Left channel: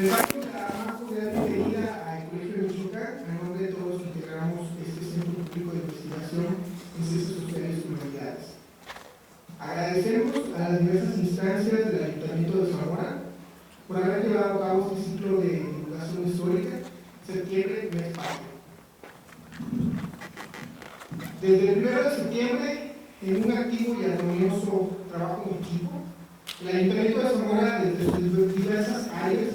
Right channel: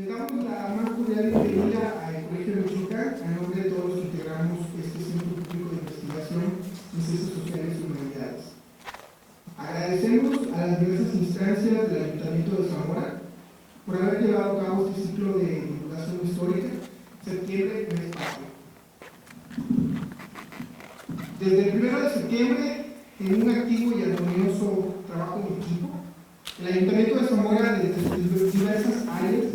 Les damos la más cordial bienvenida al Colegio de Michoacán, a nombre de todos los que integramos este Centro Público de Investigación en Ciencias Sociales y Humanidades. Agradecemos a las diversas instancias del Ayuntamiento de Zamora por haber llevado a cabo este ciclo de divulgación histórica, septiembre, mes patrio. Desde el 1 de septiembre, en un activo y armonioso trabajo en equipo, el Ayuntamiento de Zamora, desde sus diversas áreas,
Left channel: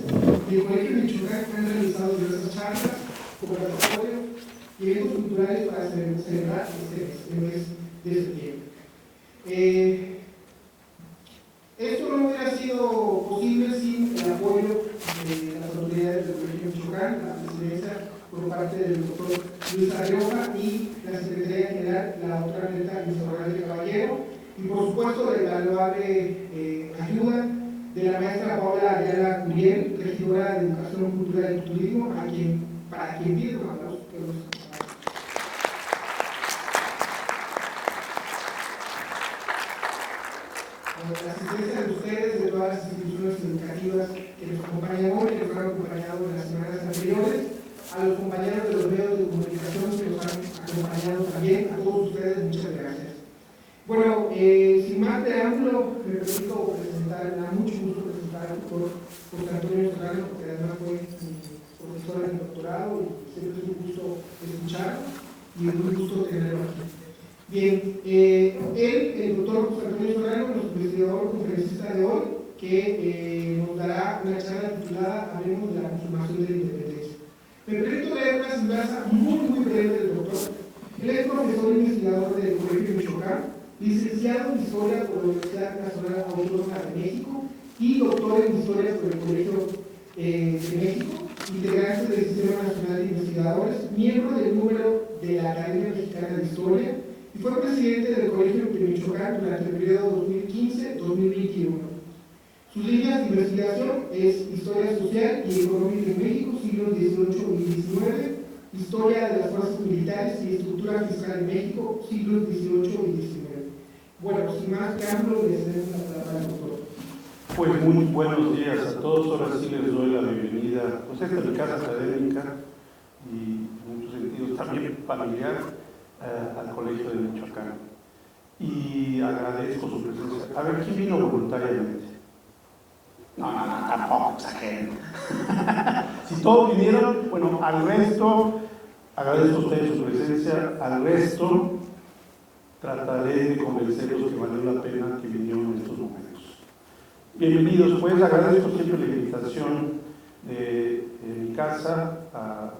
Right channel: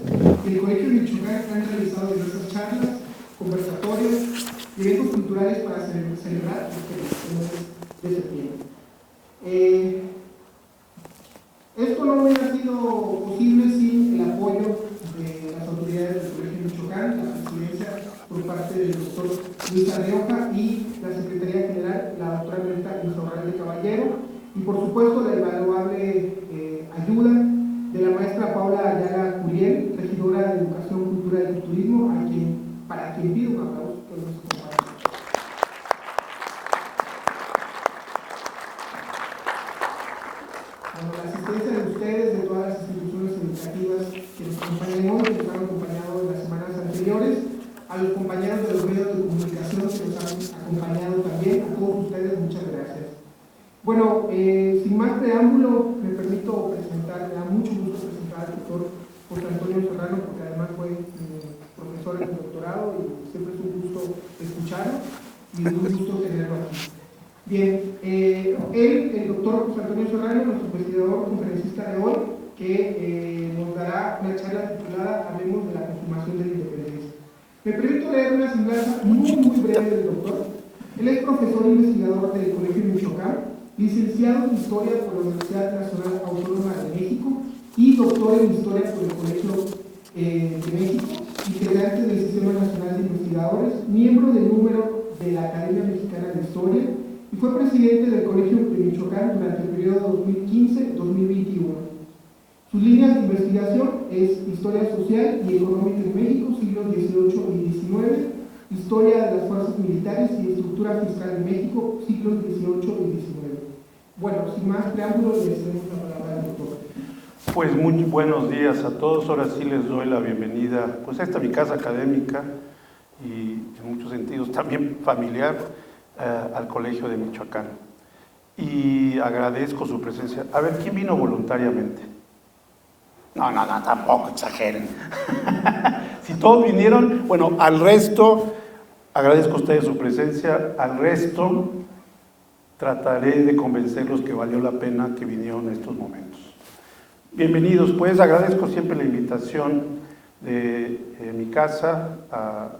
el Colegio de Michoacán han realizado diversas charlas, conversatorios y eventos culturales para celebrar este mes de septiembre. Esto no hubiera sido posible sin el apoyo de las autoridades del Colegio de Michoacán, la presidencia por parte del doctor Luis Arrioja y la Secretaría General, la doctora Violeta Luis de Caballero, y por supuesto la invaluable ayuda de la maestra Paula Ayala Curiel, regidora de Educación, Cultura y Turismo, para quien pido a los la asistencia de ustedes, de todas las instituciones educativas que nos acompañan hoy, que nos han acompañado en las semanas anteriores, a los compañeros de los medios de comunicación que nos han acompañado también, a todos ustedes, muchas gracias. Bueno, sin más preámbulo, me permito presentar, me da mucho gusto presentar al doctor José Antonio Serrano, porque además fue mi profesor en el doctorado y siempre es un gusto escuchar y es un gusto tenerlo aquí. Bien, el doctor José Antonio Serrano, nuestro investigador conferencista de hoy, que nos dará una charla titulada Hablemos de la consumación de la independencia. Me permito leer una semblanza muy breve del doctor. Él es profesor investigador del Colegio de Michoacán, licenciado en Historia por la Universidad Nacional Autónoma de México y doctor en Historia por el Colegio de México, integrante del Sistema Nacional de Investigadores, miembro del número de la Academia Mexicana de Historia y fue presidente del Colegio de Michoacán durante el periodo 2015-2021. Sus líneas de investigación es Historia Social y Económica de México, siglos XVIII y XIX, Historia de las Fuerzas Militares y Estructura Fiscal en México, siglos XVIII y XIX. Bueno, sin más preámbulos, les cedemos la palabra al doctor. Pues muy buenos días a todos. Ahora sí les doy la bienvenida, pues esta es mi casa académica y en muchos sentidos también familiar al Colegio de Michoacán. Y agradezco su presencia. A ver, ¿quién vino voluntariamente? No, tampoco exageren. Si todos vinieron, bueno, al resto, agradezco a ustedes su presencia, al resto trataré de convencerlos que valió la pena que vinieron en estos momentos. Bienvenidos, pues agradezco siempre la invitación de mi casa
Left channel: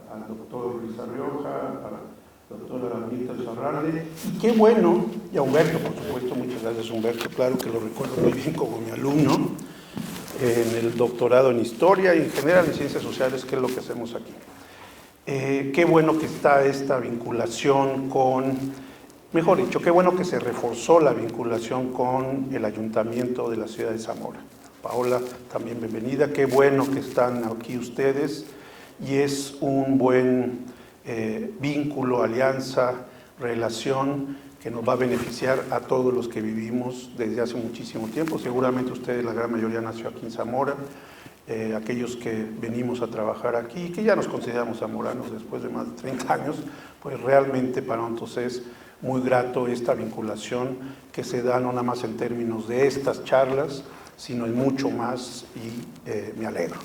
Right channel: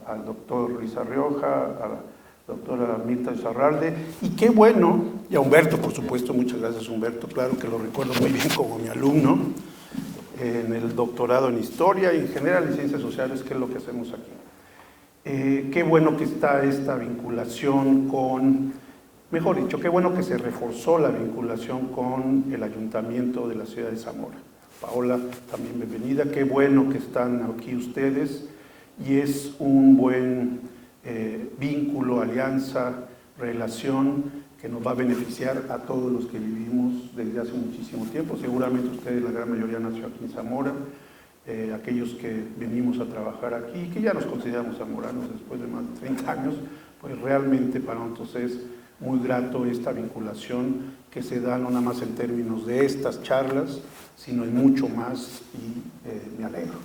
al doctor Luis Arrioja, a la doctora Mirta Charralde, y qué bueno, y a Humberto, por supuesto, muchas gracias Humberto, claro que lo recuerdo muy bien como mi alumno, en el doctorado en Historia y en general en Ciencias Sociales, que es lo que hacemos aquí. Qué bueno que está esta vinculación con, mejor dicho, qué bueno que se reforzó la vinculación con el Ayuntamiento de la ciudad de Zamora. Paola, también bienvenida, qué bueno que están aquí ustedes y es un buen vínculo, alianza, relación que nos va a beneficiar a todos los que vivimos desde hace muchísimo tiempo. Seguramente ustedes, la gran mayoría, nació aquí en Zamora, aquellos que venimos a trabajar aquí y que ya nos consideramos zamoranos después de más de 30 años, pues realmente para nosotros es muy grato esta vinculación que se da no nada más en términos de estas charlas, sino en mucho más y me alegro.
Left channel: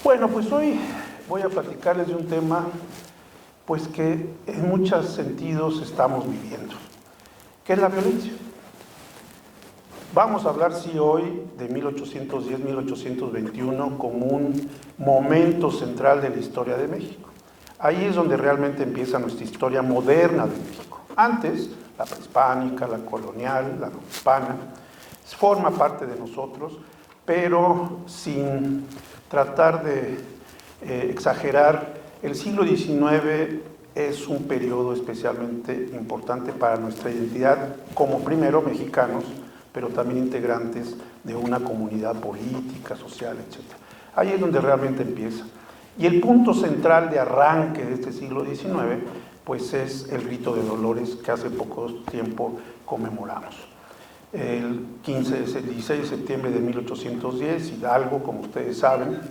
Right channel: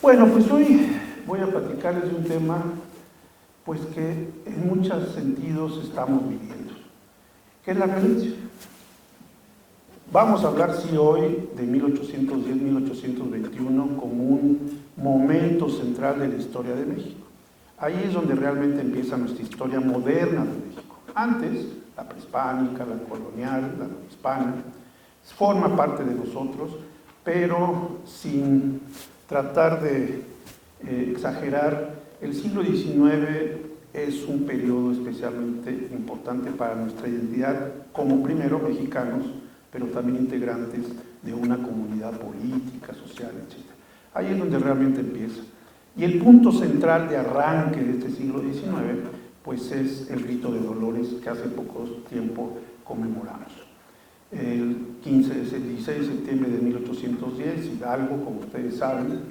Bueno, pues hoy voy a platicarles de un tema pues que en muchos sentidos estamos viviendo, que es la violencia. Vamos a hablar, sí, hoy de 1810-1821 como un momento central de la historia de México. Ahí es donde realmente empieza nuestra historia moderna de México. Antes, la prehispánica, la colonial, la hispana, forma parte de nosotros, pero sin tratar de exagerar, el siglo XIX es un periodo especialmente importante para nuestra identidad como primero mexicanos, pero también integrantes de una comunidad política, social, etc. Ahí es donde realmente empieza. Y el punto central de arranque de este siglo XIX, pues es el rito de Dolores que hace poco tiempo conmemoramos. El 16 de septiembre de 1810, Hidalgo, como ustedes saben,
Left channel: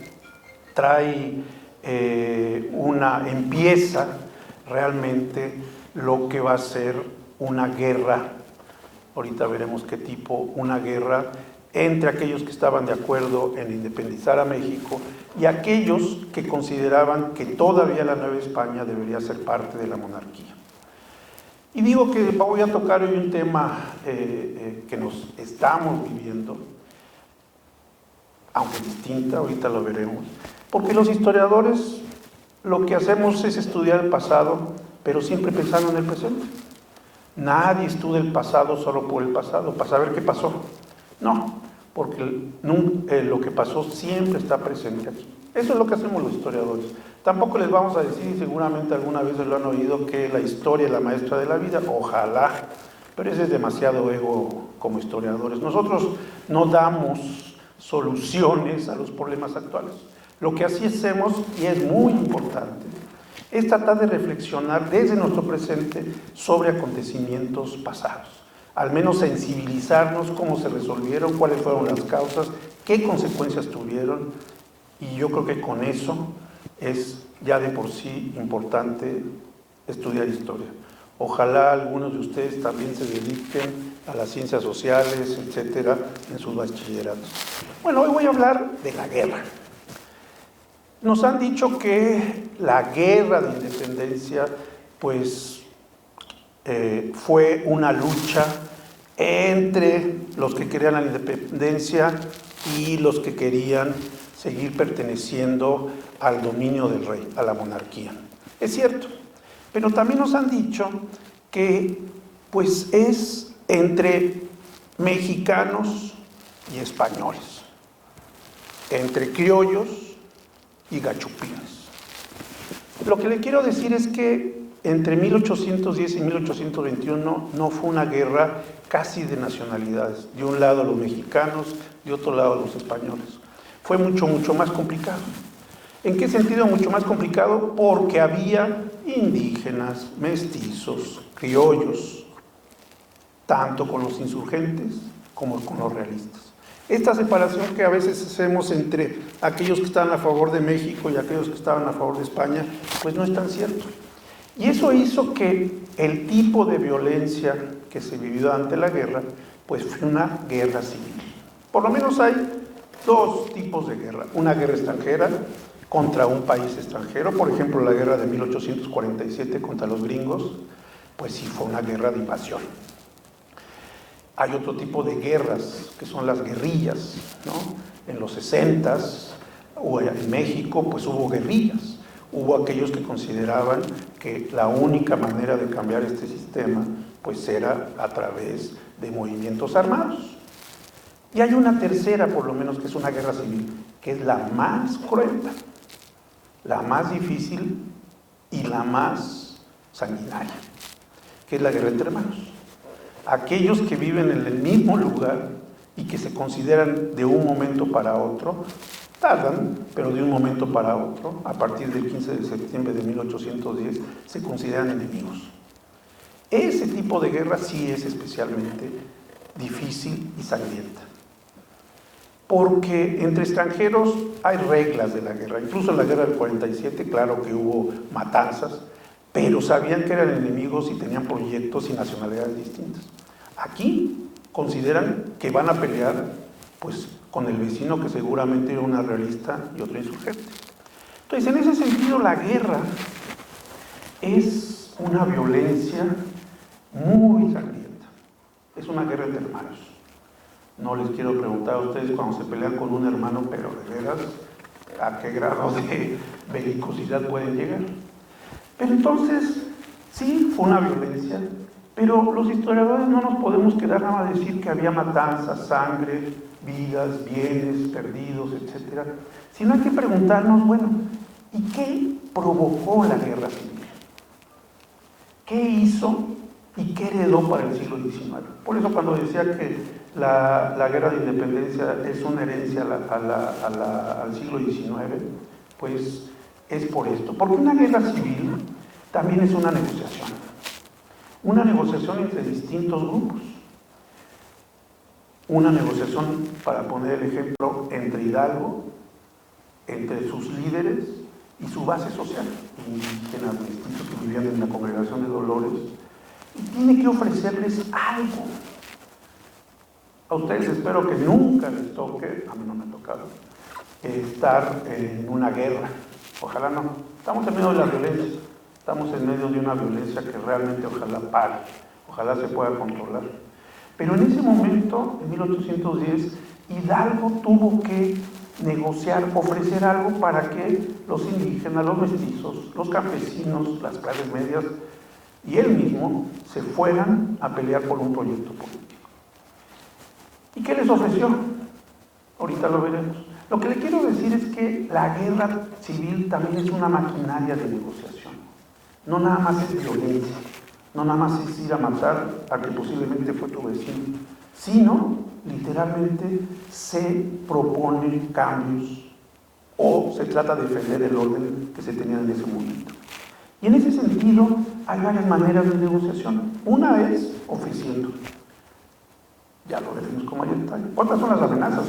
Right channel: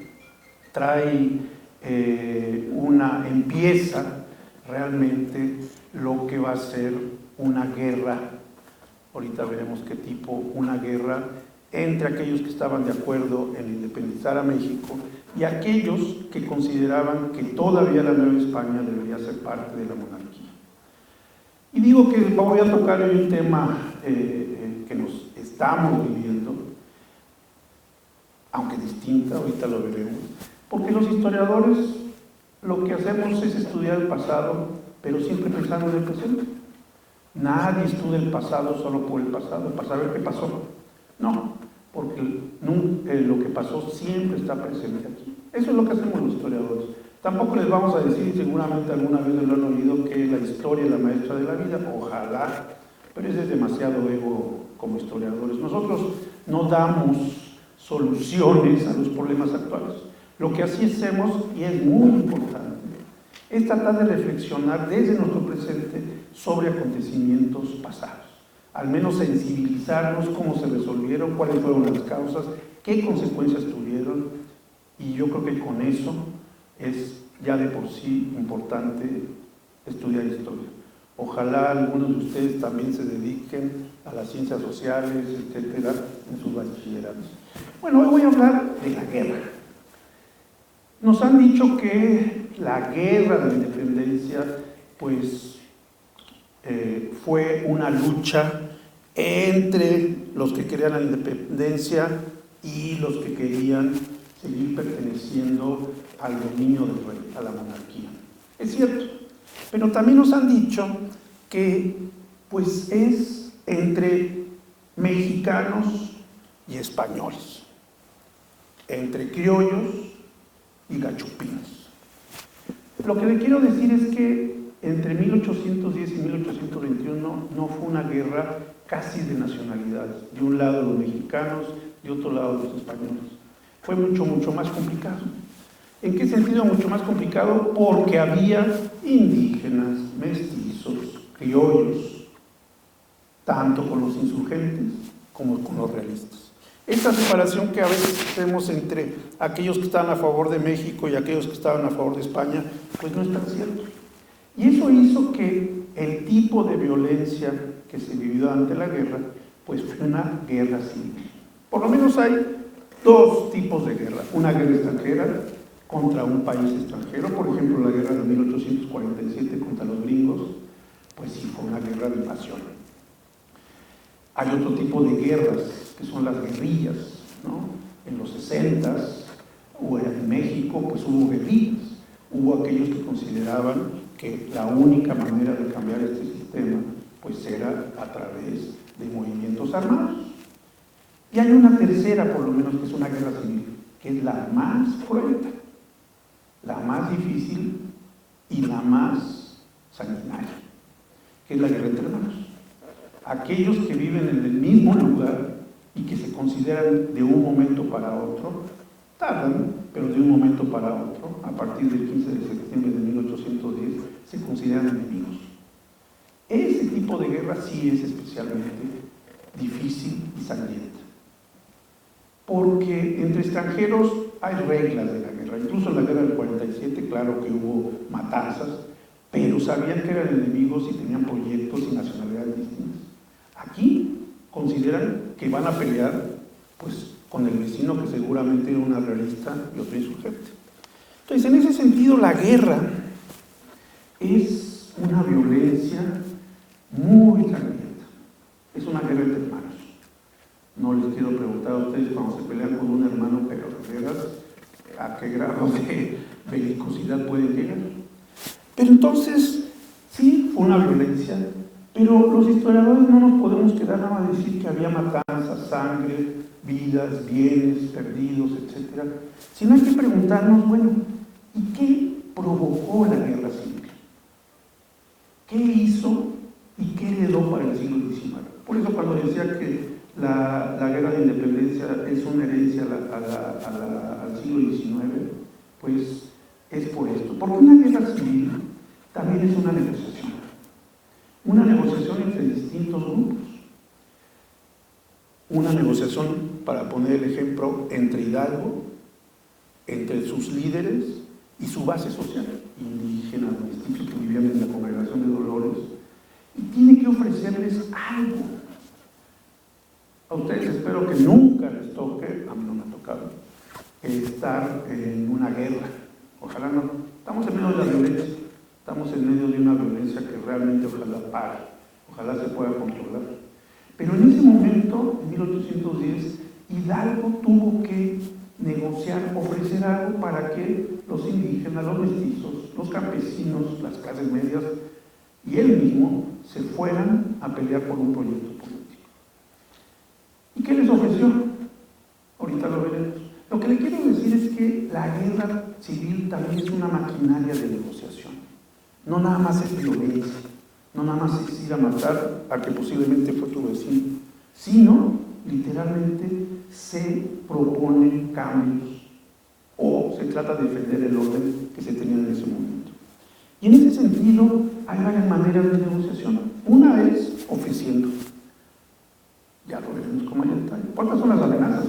empieza realmente lo que va a ser una guerra, ahorita veremos qué tipo, una guerra entre aquellos que estaban de acuerdo en independizar a México y aquellos que consideraban que todavía la Nueva España debería ser parte de la monarquía. Y digo que voy a tocar hoy un tema que nos estamos viviendo, aunque distinta, ahorita lo veremos, porque los historiadores lo que hacemos es estudiar el pasado, pero siempre pensando en el presente. Nadie estudia el pasado solo por el pasado, para saber qué pasó. No, porque lo que pasó siempre está presente aquí. Eso es lo que hacemos los historiadores. Tampoco les vamos a decir, seguramente alguna vez lo han oído, que la historia es la maestra de la vida. Ojalá, pero ese es demasiado ego como historiadores. Nosotros no damos soluciones a los problemas actuales. Lo que así hacemos, y es muy importante, es tratar de reflexionar desde nuestro presente sobre acontecimientos pasados. Al menos sensibilizarnos cómo se resolvieron, cuáles fueron las causas, qué consecuencias tuvieron, y yo creo que con eso es ya de por sí importante estudiar historia. Ojalá algunos de ustedes también se dediquen a las ciencias sociales, etcétera, en sus bachilleratos. Bueno, hoy voy a hablar de la guerra. Nos han dicho que la guerra de independencia, pues, fue una lucha entre los que querían la independencia y los que querían seguir perteneciendo al dominio del rey, a la monarquía. Es cierto, pero también nos han dicho que, pues, es entre mexicanos y españoles, entre criollos y gachupines. Lo que le quiero decir es que entre 1810 y 1821 no fue una guerra casi de nacionalidades, de un lado los mexicanos, de otro lado los españoles. Fue mucho más complicado. ¿En qué sentido mucho más complicado? Porque había indígenas, mestizos, criollos, tanto con los insurgentes como con los realistas. Esta separación que a veces hacemos entre aquellos que estaban a favor de México y aquellos que estaban a favor de España, pues no es tan cierto. Y eso hizo que el tipo de violencia que se vivió durante la guerra, pues fue una guerra civil. Por lo menos hay dos tipos de guerra. Una guerra extranjera contra un país extranjero, por ejemplo la guerra de 1847 contra los gringos, pues sí fue una guerra de invasión. Hay otro tipo de guerras, que son las guerrillas, ¿no? En los 60s, o en México, pues hubo guerrillas. Hubo aquellos que consideraban que la única manera de cambiar este sistema, pues era a través de movimientos armados. Y hay una tercera, por lo menos, que es una guerra civil, que es la más cruenta, la más difícil y la más sanguinaria, que es la guerra entre hermanos. Aquellos que viven en el mismo lugar y que se consideran de un momento para otro, tardan, pero de un momento para otro, a partir del 15 de septiembre de 1810, se consideran enemigos. Ese tipo de guerra sí es especialmente difícil y sangrienta, porque entre extranjeros hay reglas de la guerra. Incluso en la guerra del 47, claro que hubo matanzas, pero sabían que eran enemigos y tenían proyectos y nacionalidades distintas. Aquí consideran que van a pelear, pues, con el vecino que seguramente era una realista y otro insurgente. Entonces, en ese sentido, la guerra es una violencia muy sangrienta. Es una guerra entre hermanos. No les quiero preguntar a ustedes cuando se pelean con un hermano, pero de veras, ¿a qué grado de belicosidad pueden llegar? Pero entonces, sí, fue una violencia, pero los historiadores no nos podemos quedar nada a decir que había matanzas, sangre, vidas, bienes perdidos, etc. Sino hay que preguntarnos, bueno, ¿y qué provocó la guerra civil? ¿Qué hizo y qué heredó para el siglo XIX? Por eso cuando decía que la guerra de independencia es una herencia al siglo XIX, pues es por esto. Porque una guerra civil también es una negociación entre distintos grupos. Una negociación, para poner el ejemplo, entre Hidalgo, entre sus líderes y su base social, indígenas, mestizos que vivían en la Congregación de Dolores, y tiene que ofrecerles algo. A ustedes espero que nunca les toque, a mí no me ha tocado, estar en una guerra. Ojalá no. Estamos en medio de la violencia, estamos en medio de una violencia que realmente ojalá pare, ojalá se pueda controlar. Pero en ese momento, en 1810, Hidalgo tuvo que negociar, ofrecer algo para que los indígenas, los mestizos, los campesinos, las clases medias y él mismo se fueran a pelear por un proyecto político. ¿Y qué les ofreció? Ahorita lo veremos. Lo que le quiero decir es que la guerra civil también es una maquinaria de negociación. No nada más es violencia, no nada más es ir a matar a que posiblemente fue tu vecino, sino literalmente se proponen cambios o se trata de defender el orden que se tenía en ese momento. Y en ese sentido hay varias maneras de negociación. Una es ofreciendo. Ya lo veremos con mayor detalle. ¿Cuántas son las amenazas?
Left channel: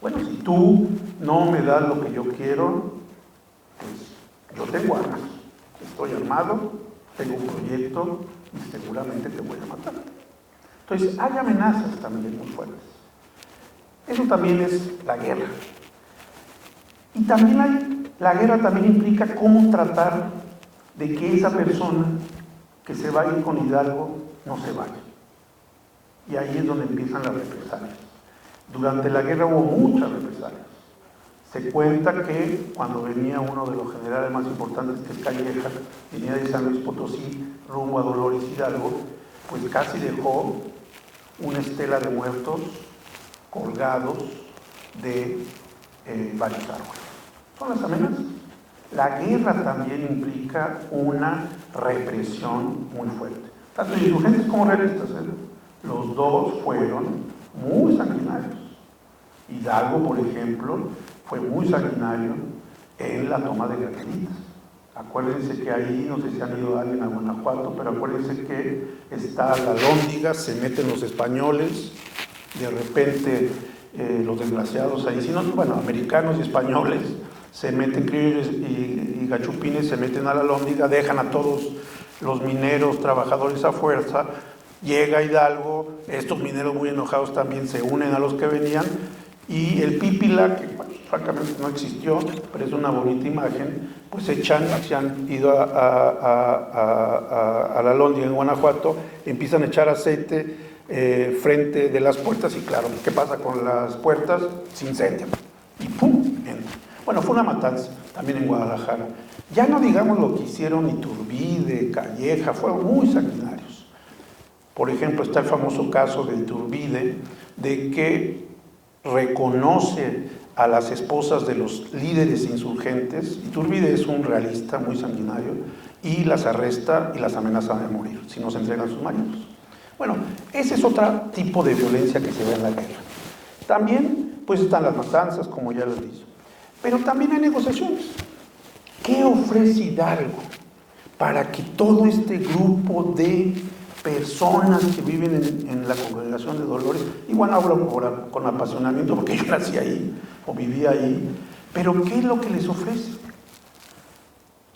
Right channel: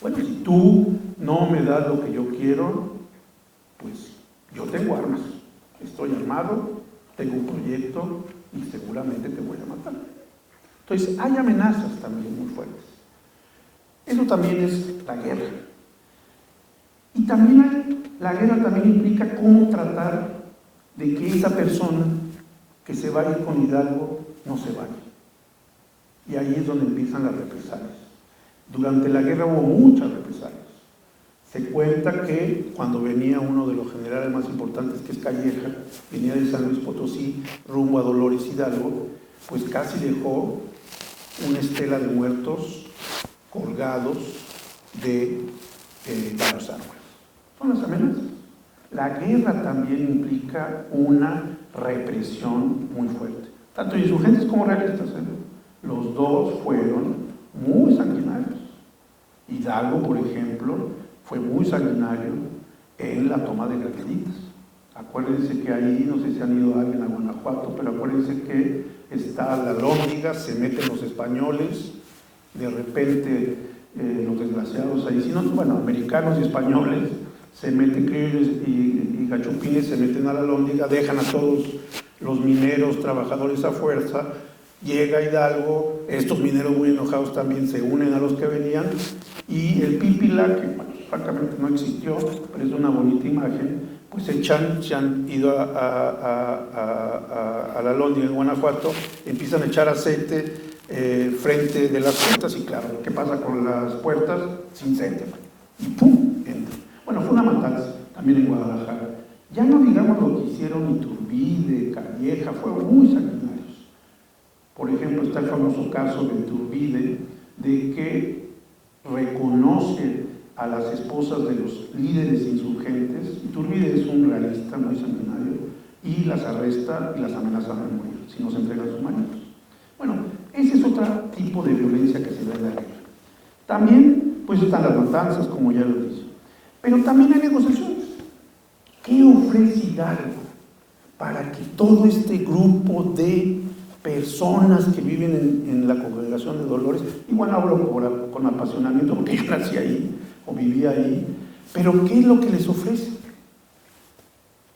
Bueno, si tú no me das lo que yo quiero, pues yo tengo armas. Estoy armado, tengo un proyecto y seguramente te voy a matar. Entonces, hay amenazas también muy fuertes. Eso también es la guerra. Y también la guerra también implica cómo tratar de que esa persona que se va a ir con Hidalgo no se vaya. Y ahí es donde empiezan las represalias. Durante la guerra hubo muchas represalias. Se cuenta que cuando venía uno de los generales más importantes, que es Calleja, venía de San Luis Potosí rumbo a Dolores Hidalgo, pues casi dejó una estela de muertos colgados de varios árboles. Son las amenazas. La guerra también implica una represión muy fuerte. Tanto insurgentes como realistas, los dos fueron muy sanguinarios. Hidalgo, por ejemplo, fue muy sanguinario en la toma de Guerreritas. Acuérdense que ahí, no sé si han ido alguien a Guanajuato, pero acuérdense que está la Alhóndiga, se meten los españoles, de repente los desgraciados ahí, sino, bueno, americanos y españoles, se meten, criollos y gachupines, se meten a la Alhóndiga, dejan a todos los mineros, trabajadores a fuerza, llega Hidalgo, estos mineros muy enojados también se unen a los que venían, y el Pípila, que bueno, francamente no existió, pero es una bonita imagen, pues se han ido a la Alhóndiga en Guanajuato, empiezan a echar aceite frente de las puertas, y claro, ¿qué pasa con las puertas? Se incendian, y ¡pum! Entra. Bueno, fue una matanza, también en Guadalajara. Ya no digamos lo que hicieron Iturbide, Calleja, fueron muy sanguinarios. Por ejemplo, está el famoso caso de Iturbide, de que reconoce a las esposas de los líderes insurgentes. Iturbide es un realista muy sanguinario y las arresta y las amenaza de morir si no se entregan sus maridos. Bueno, ese es otro tipo de violencia que se ve en la guerra. También pues están las matanzas, como ya lo dije, pero también hay negociaciones. ¿Qué ofrece Hidalgo para que todo este grupo de personas que viven en la Congregación de Dolores, igual no hablo con apasionamiento porque yo nací ahí o vivía ahí, pero qué es lo que les ofrece?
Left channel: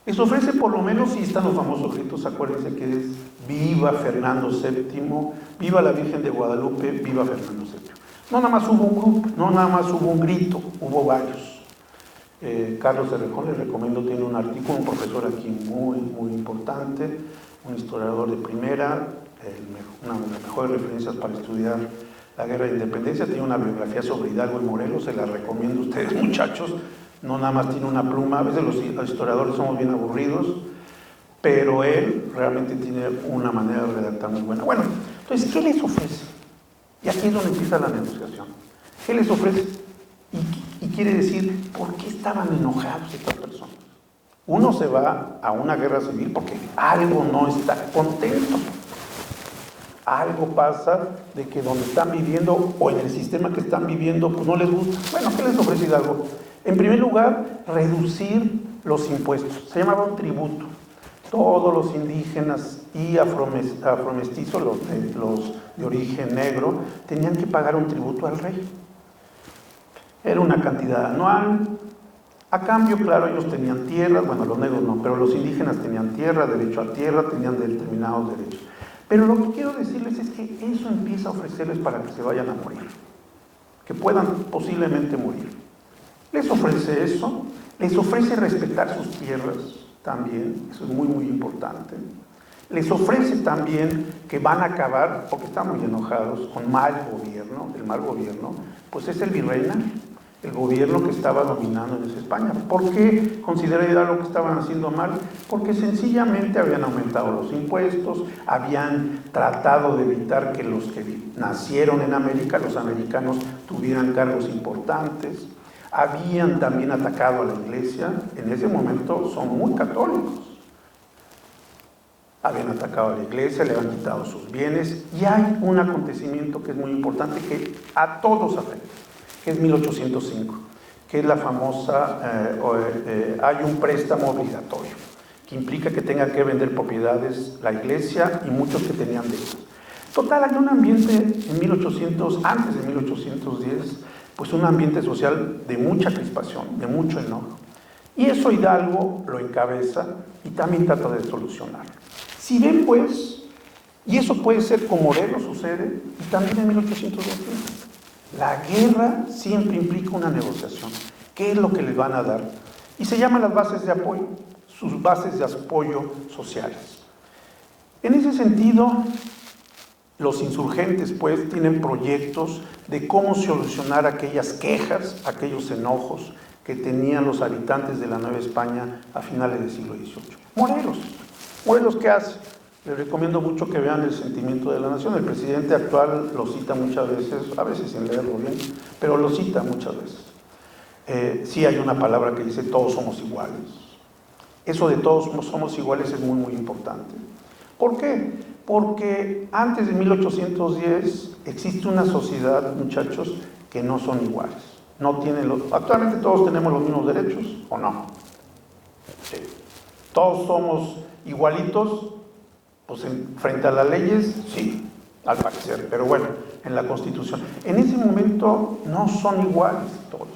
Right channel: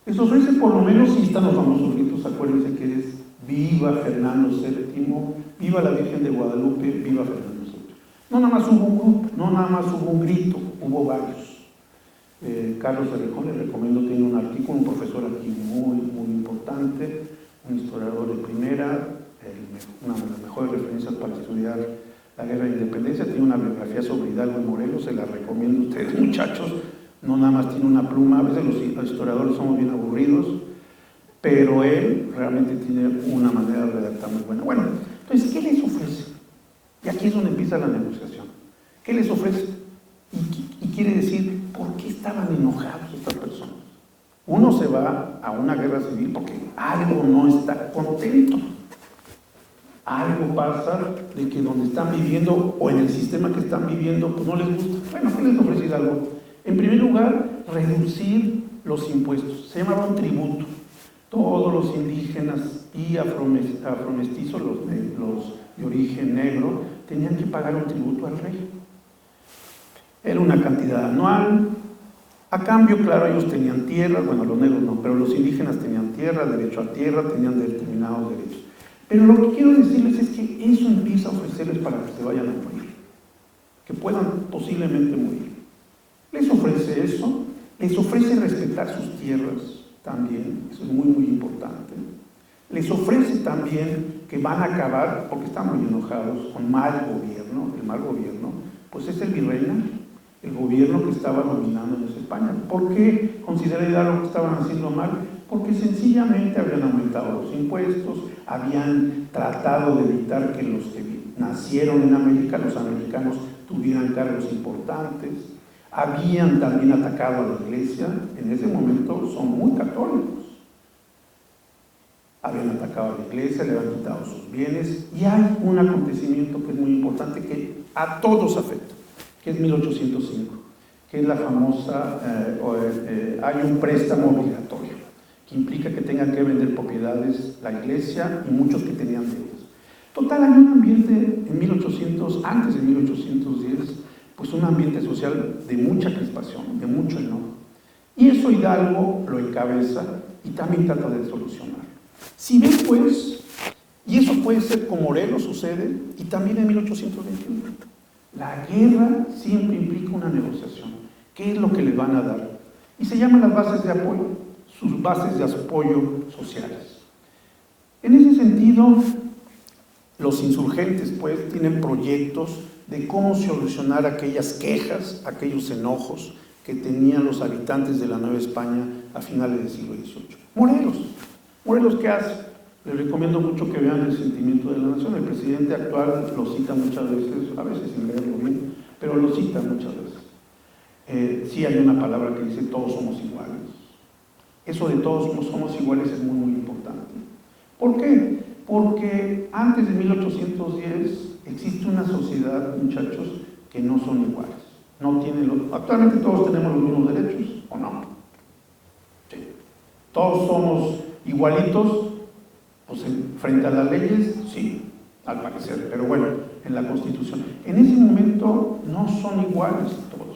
Les ofrece, por lo menos, si están los famosos gritos, acuérdense que es viva Fernando VII, viva la Virgen de Guadalupe, viva Fernando VII. No nada más hubo un grupo, no nada más hubo un grito, hubo varios. Carlos Errejón, les recomiendo, tiene un artículo, un profesor aquí muy importante, un historiador de primera, una de las mejores referencias para estudiar la guerra de independencia, tiene una biografía sobre Hidalgo y Morelos, se la recomiendo a ustedes, muchachos, no nada más tiene una pluma, a veces los historiadores somos bien aburridos, pero él realmente tiene una manera de redactar muy buena. Bueno, entonces, ¿qué les ofrece? Y aquí es donde empieza la negociación. ¿Qué les ofrece? Y quiere decir, ¿por qué estaban enojados estas personas? Uno se va a una guerra civil porque algo no está contento. Algo pasa de que donde están viviendo o en el sistema que están viviendo, pues no les gusta. Bueno, ¿qué les ofrece Hidalgo? En primer lugar, reducir los impuestos. Se llamaba un tributo. Todos los indígenas y afromestizos, los de origen negro, tenían que pagar un tributo al rey. era una cantidad anual. A cambio, claro, ellos tenían tierra, bueno, los negros no, pero los indígenas tenían tierra, derecho a tierra, tenían determinados derechos. Pero lo que quiero decirles es que eso empieza a ofrecerles para que se vayan a morir, que puedan posiblemente morir. Les ofrece eso, les ofrece respetar sus tierras también, eso es muy, muy importante. Les ofrece también que van a acabar, porque están muy enojados, con mal gobierno. El mal gobierno, pues es el virreinato, el gobierno que estaba dominando en España. ¿Por qué considera lo que estaban haciendo mal? Porque sencillamente habían aumentado los impuestos, habían tratado de evitar que los que nacieron en América, los americanos, tuvieran cargos importantes, habían también atacado a la iglesia. En ese momento son muy católicos. Habían atacado a la iglesia, le habían quitado sus bienes, y hay un acontecimiento que es muy importante, que a todos afecta, que es 1805, que es la famosa, hay un préstamo obligatorio, que implica que tengan que vender propiedades la iglesia y muchos que tenían deudas. Total, hay un ambiente en 1800, antes de 1810, pues un ambiente social de mucha crispación, de mucho enojo. Y eso Hidalgo lo encabeza y también trata de solucionar. Si ven, pues, y eso puede ser con Morelos sucede, y también en 1821, la guerra siempre implica una negociación. ¿Qué es lo que le van a dar? Y se llaman las bases de apoyo, sus bases de apoyo sociales. En ese sentido, los insurgentes, pues, tienen proyectos de cómo solucionar aquellas quejas, aquellos enojos que tenían los habitantes de la Nueva España a finales del siglo XVIII. Morelos, ¿qué hace? Les recomiendo mucho que vean El sentimiento de la nación. El presidente actual lo cita muchas veces, a veces sin leerlo bien, pero lo cita muchas veces. Sí hay una palabra que dice todos somos iguales. Eso de todos somos iguales es muy, muy importante. ¿Por qué? Porque antes de 1810 existe una sociedad, muchachos, que no son iguales. Actualmente todos tenemos los mismos derechos, ¿o no? Sí. Todos somos igualitos, pues frente a las leyes, sí, al parecer, pero bueno, en la Constitución. En ese momento no son iguales todos.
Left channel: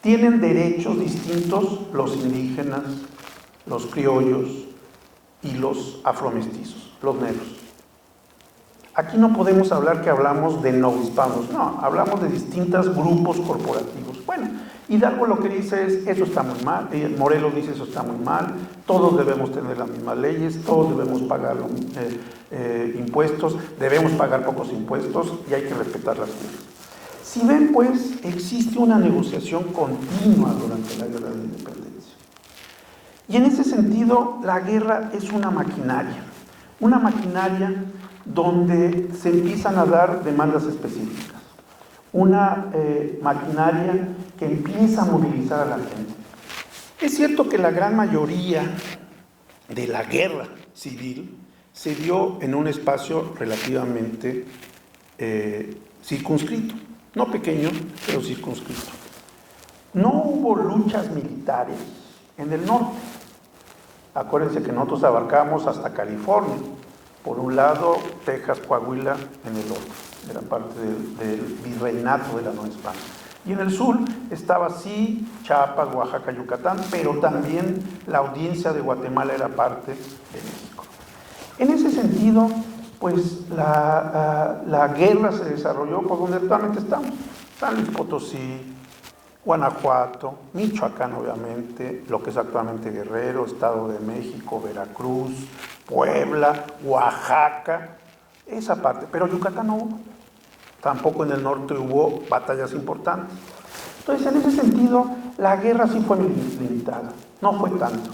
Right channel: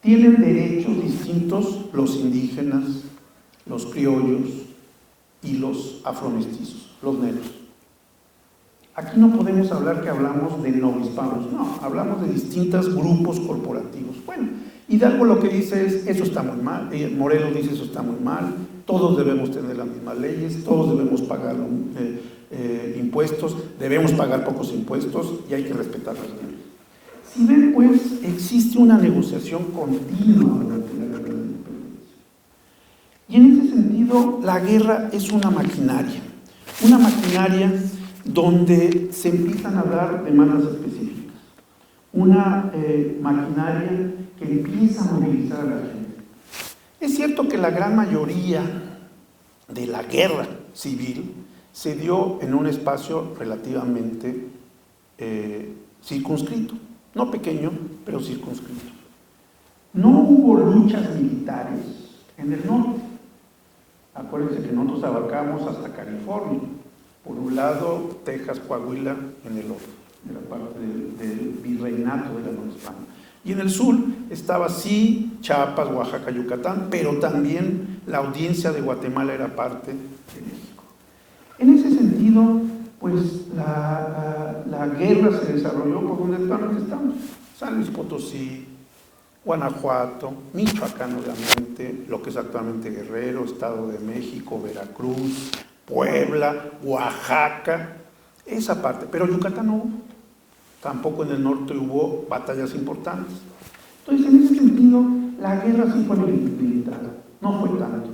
Tienen derechos distintos los indígenas, los criollos y los afromestizos, los negros. Aquí no podemos hablar que hablamos de novohispanos, no, hablamos de distintos grupos corporativos. Bueno, Hidalgo lo que dice es, eso está muy mal, Morelos dice, eso está muy mal, todos debemos tener las mismas leyes, todos debemos pagar impuestos, debemos pagar pocos impuestos y hay que respetar las leyes. Si ven, pues, existe una negociación continua durante la Guerra de la Independencia. Y en ese sentido, la guerra es una maquinaria donde se empiezan a dar demandas específicas. Una maquinaria que empieza a movilizar a la gente. Es cierto que la gran mayoría de la guerra civil se dio en un espacio relativamente circunscrito, no pequeño, pero circunscrito. No hubo luchas militares en el norte. Acuérdense que nosotros abarcamos hasta California. Por un lado, Texas, Coahuila, en el otro, era parte del virreinato de la Nueva España. Y en el sur estaba sí Chiapas, Oaxaca, Yucatán, pero también la audiencia de Guatemala era parte de México. En ese sentido, pues la guerra se desarrolló por donde actualmente estamos. San Luis Potosí, Guanajuato, Michoacán obviamente, lo que es actualmente Guerrero, Estado de México, Veracruz, Puebla, Oaxaca, esa parte, pero Yucatán no hubo. Tampoco en el norte hubo batallas importantes. Entonces, en ese sentido, la guerra sí fue limitada, no fue tanto.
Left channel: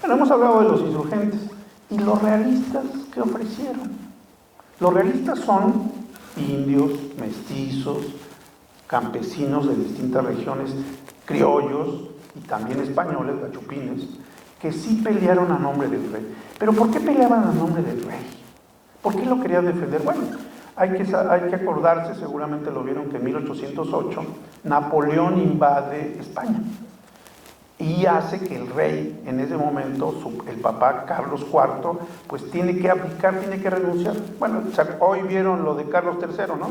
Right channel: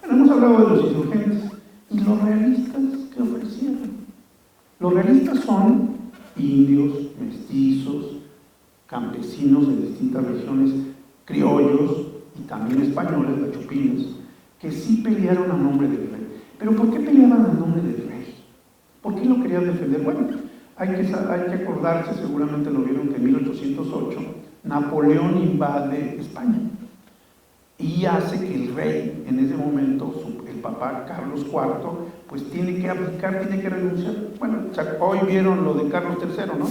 Bueno, hemos hablado de los insurgentes. ¿Y los realistas qué ofrecieron? Los realistas son indios, mestizos, campesinos de distintas regiones, criollos y también españoles, chupines, que sí pelearon a nombre del rey. ¿Pero por qué peleaban a nombre del rey? ¿Por qué lo querían defender? Bueno, hay que acordarse, seguramente lo vieron, que en 1808 Napoleón invade España y hace que el rey, en ese momento, el papá Carlos IV, pues tiene que abdicar, tiene que renunciar. Bueno, hoy vieron lo de Carlos III, ¿no?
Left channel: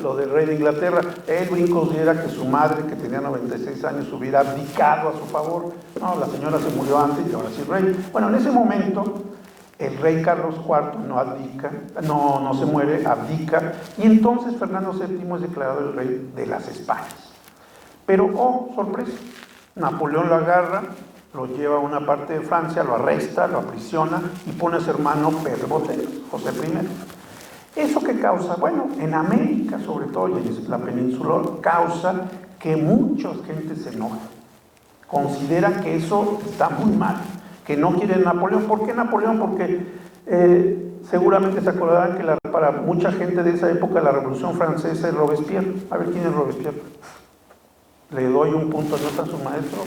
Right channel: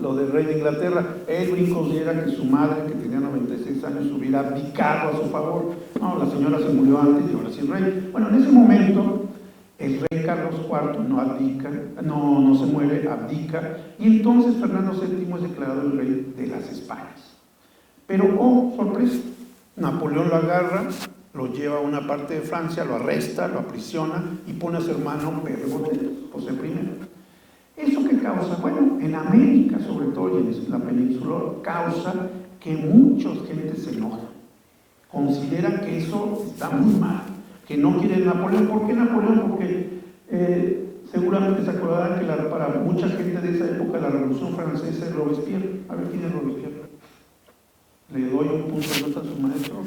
lo del rey de Inglaterra. Edwin considera que su madre, que tenía 96 años, hubiera abdicado a su favor. No, la señora se murió antes y ahora sí el rey. Bueno, en ese momento el rey Carlos IV no abdica, no se muere, abdica, y entonces Fernando VII es declarado el rey de las Españas. Pero, oh, sorpresa, Napoleón lo agarra, lo lleva a una parte de Francia, lo arresta, lo aprisiona y pone a su hermano Pedro Botelho, José I. ¿Eso qué causa? Bueno, en América, sobre todo, y en la península, causa que mucha gente se enoja. Consideran que eso está muy mal, que no quieren Napoleón. ¿Por qué Napoleón? Porque seguramente se acordarán que para mucha gente de esa época la Revolución Francesa es Robespierre. A ver, ¿quién es Robespierre? Le doy un punto de nota a su maestro.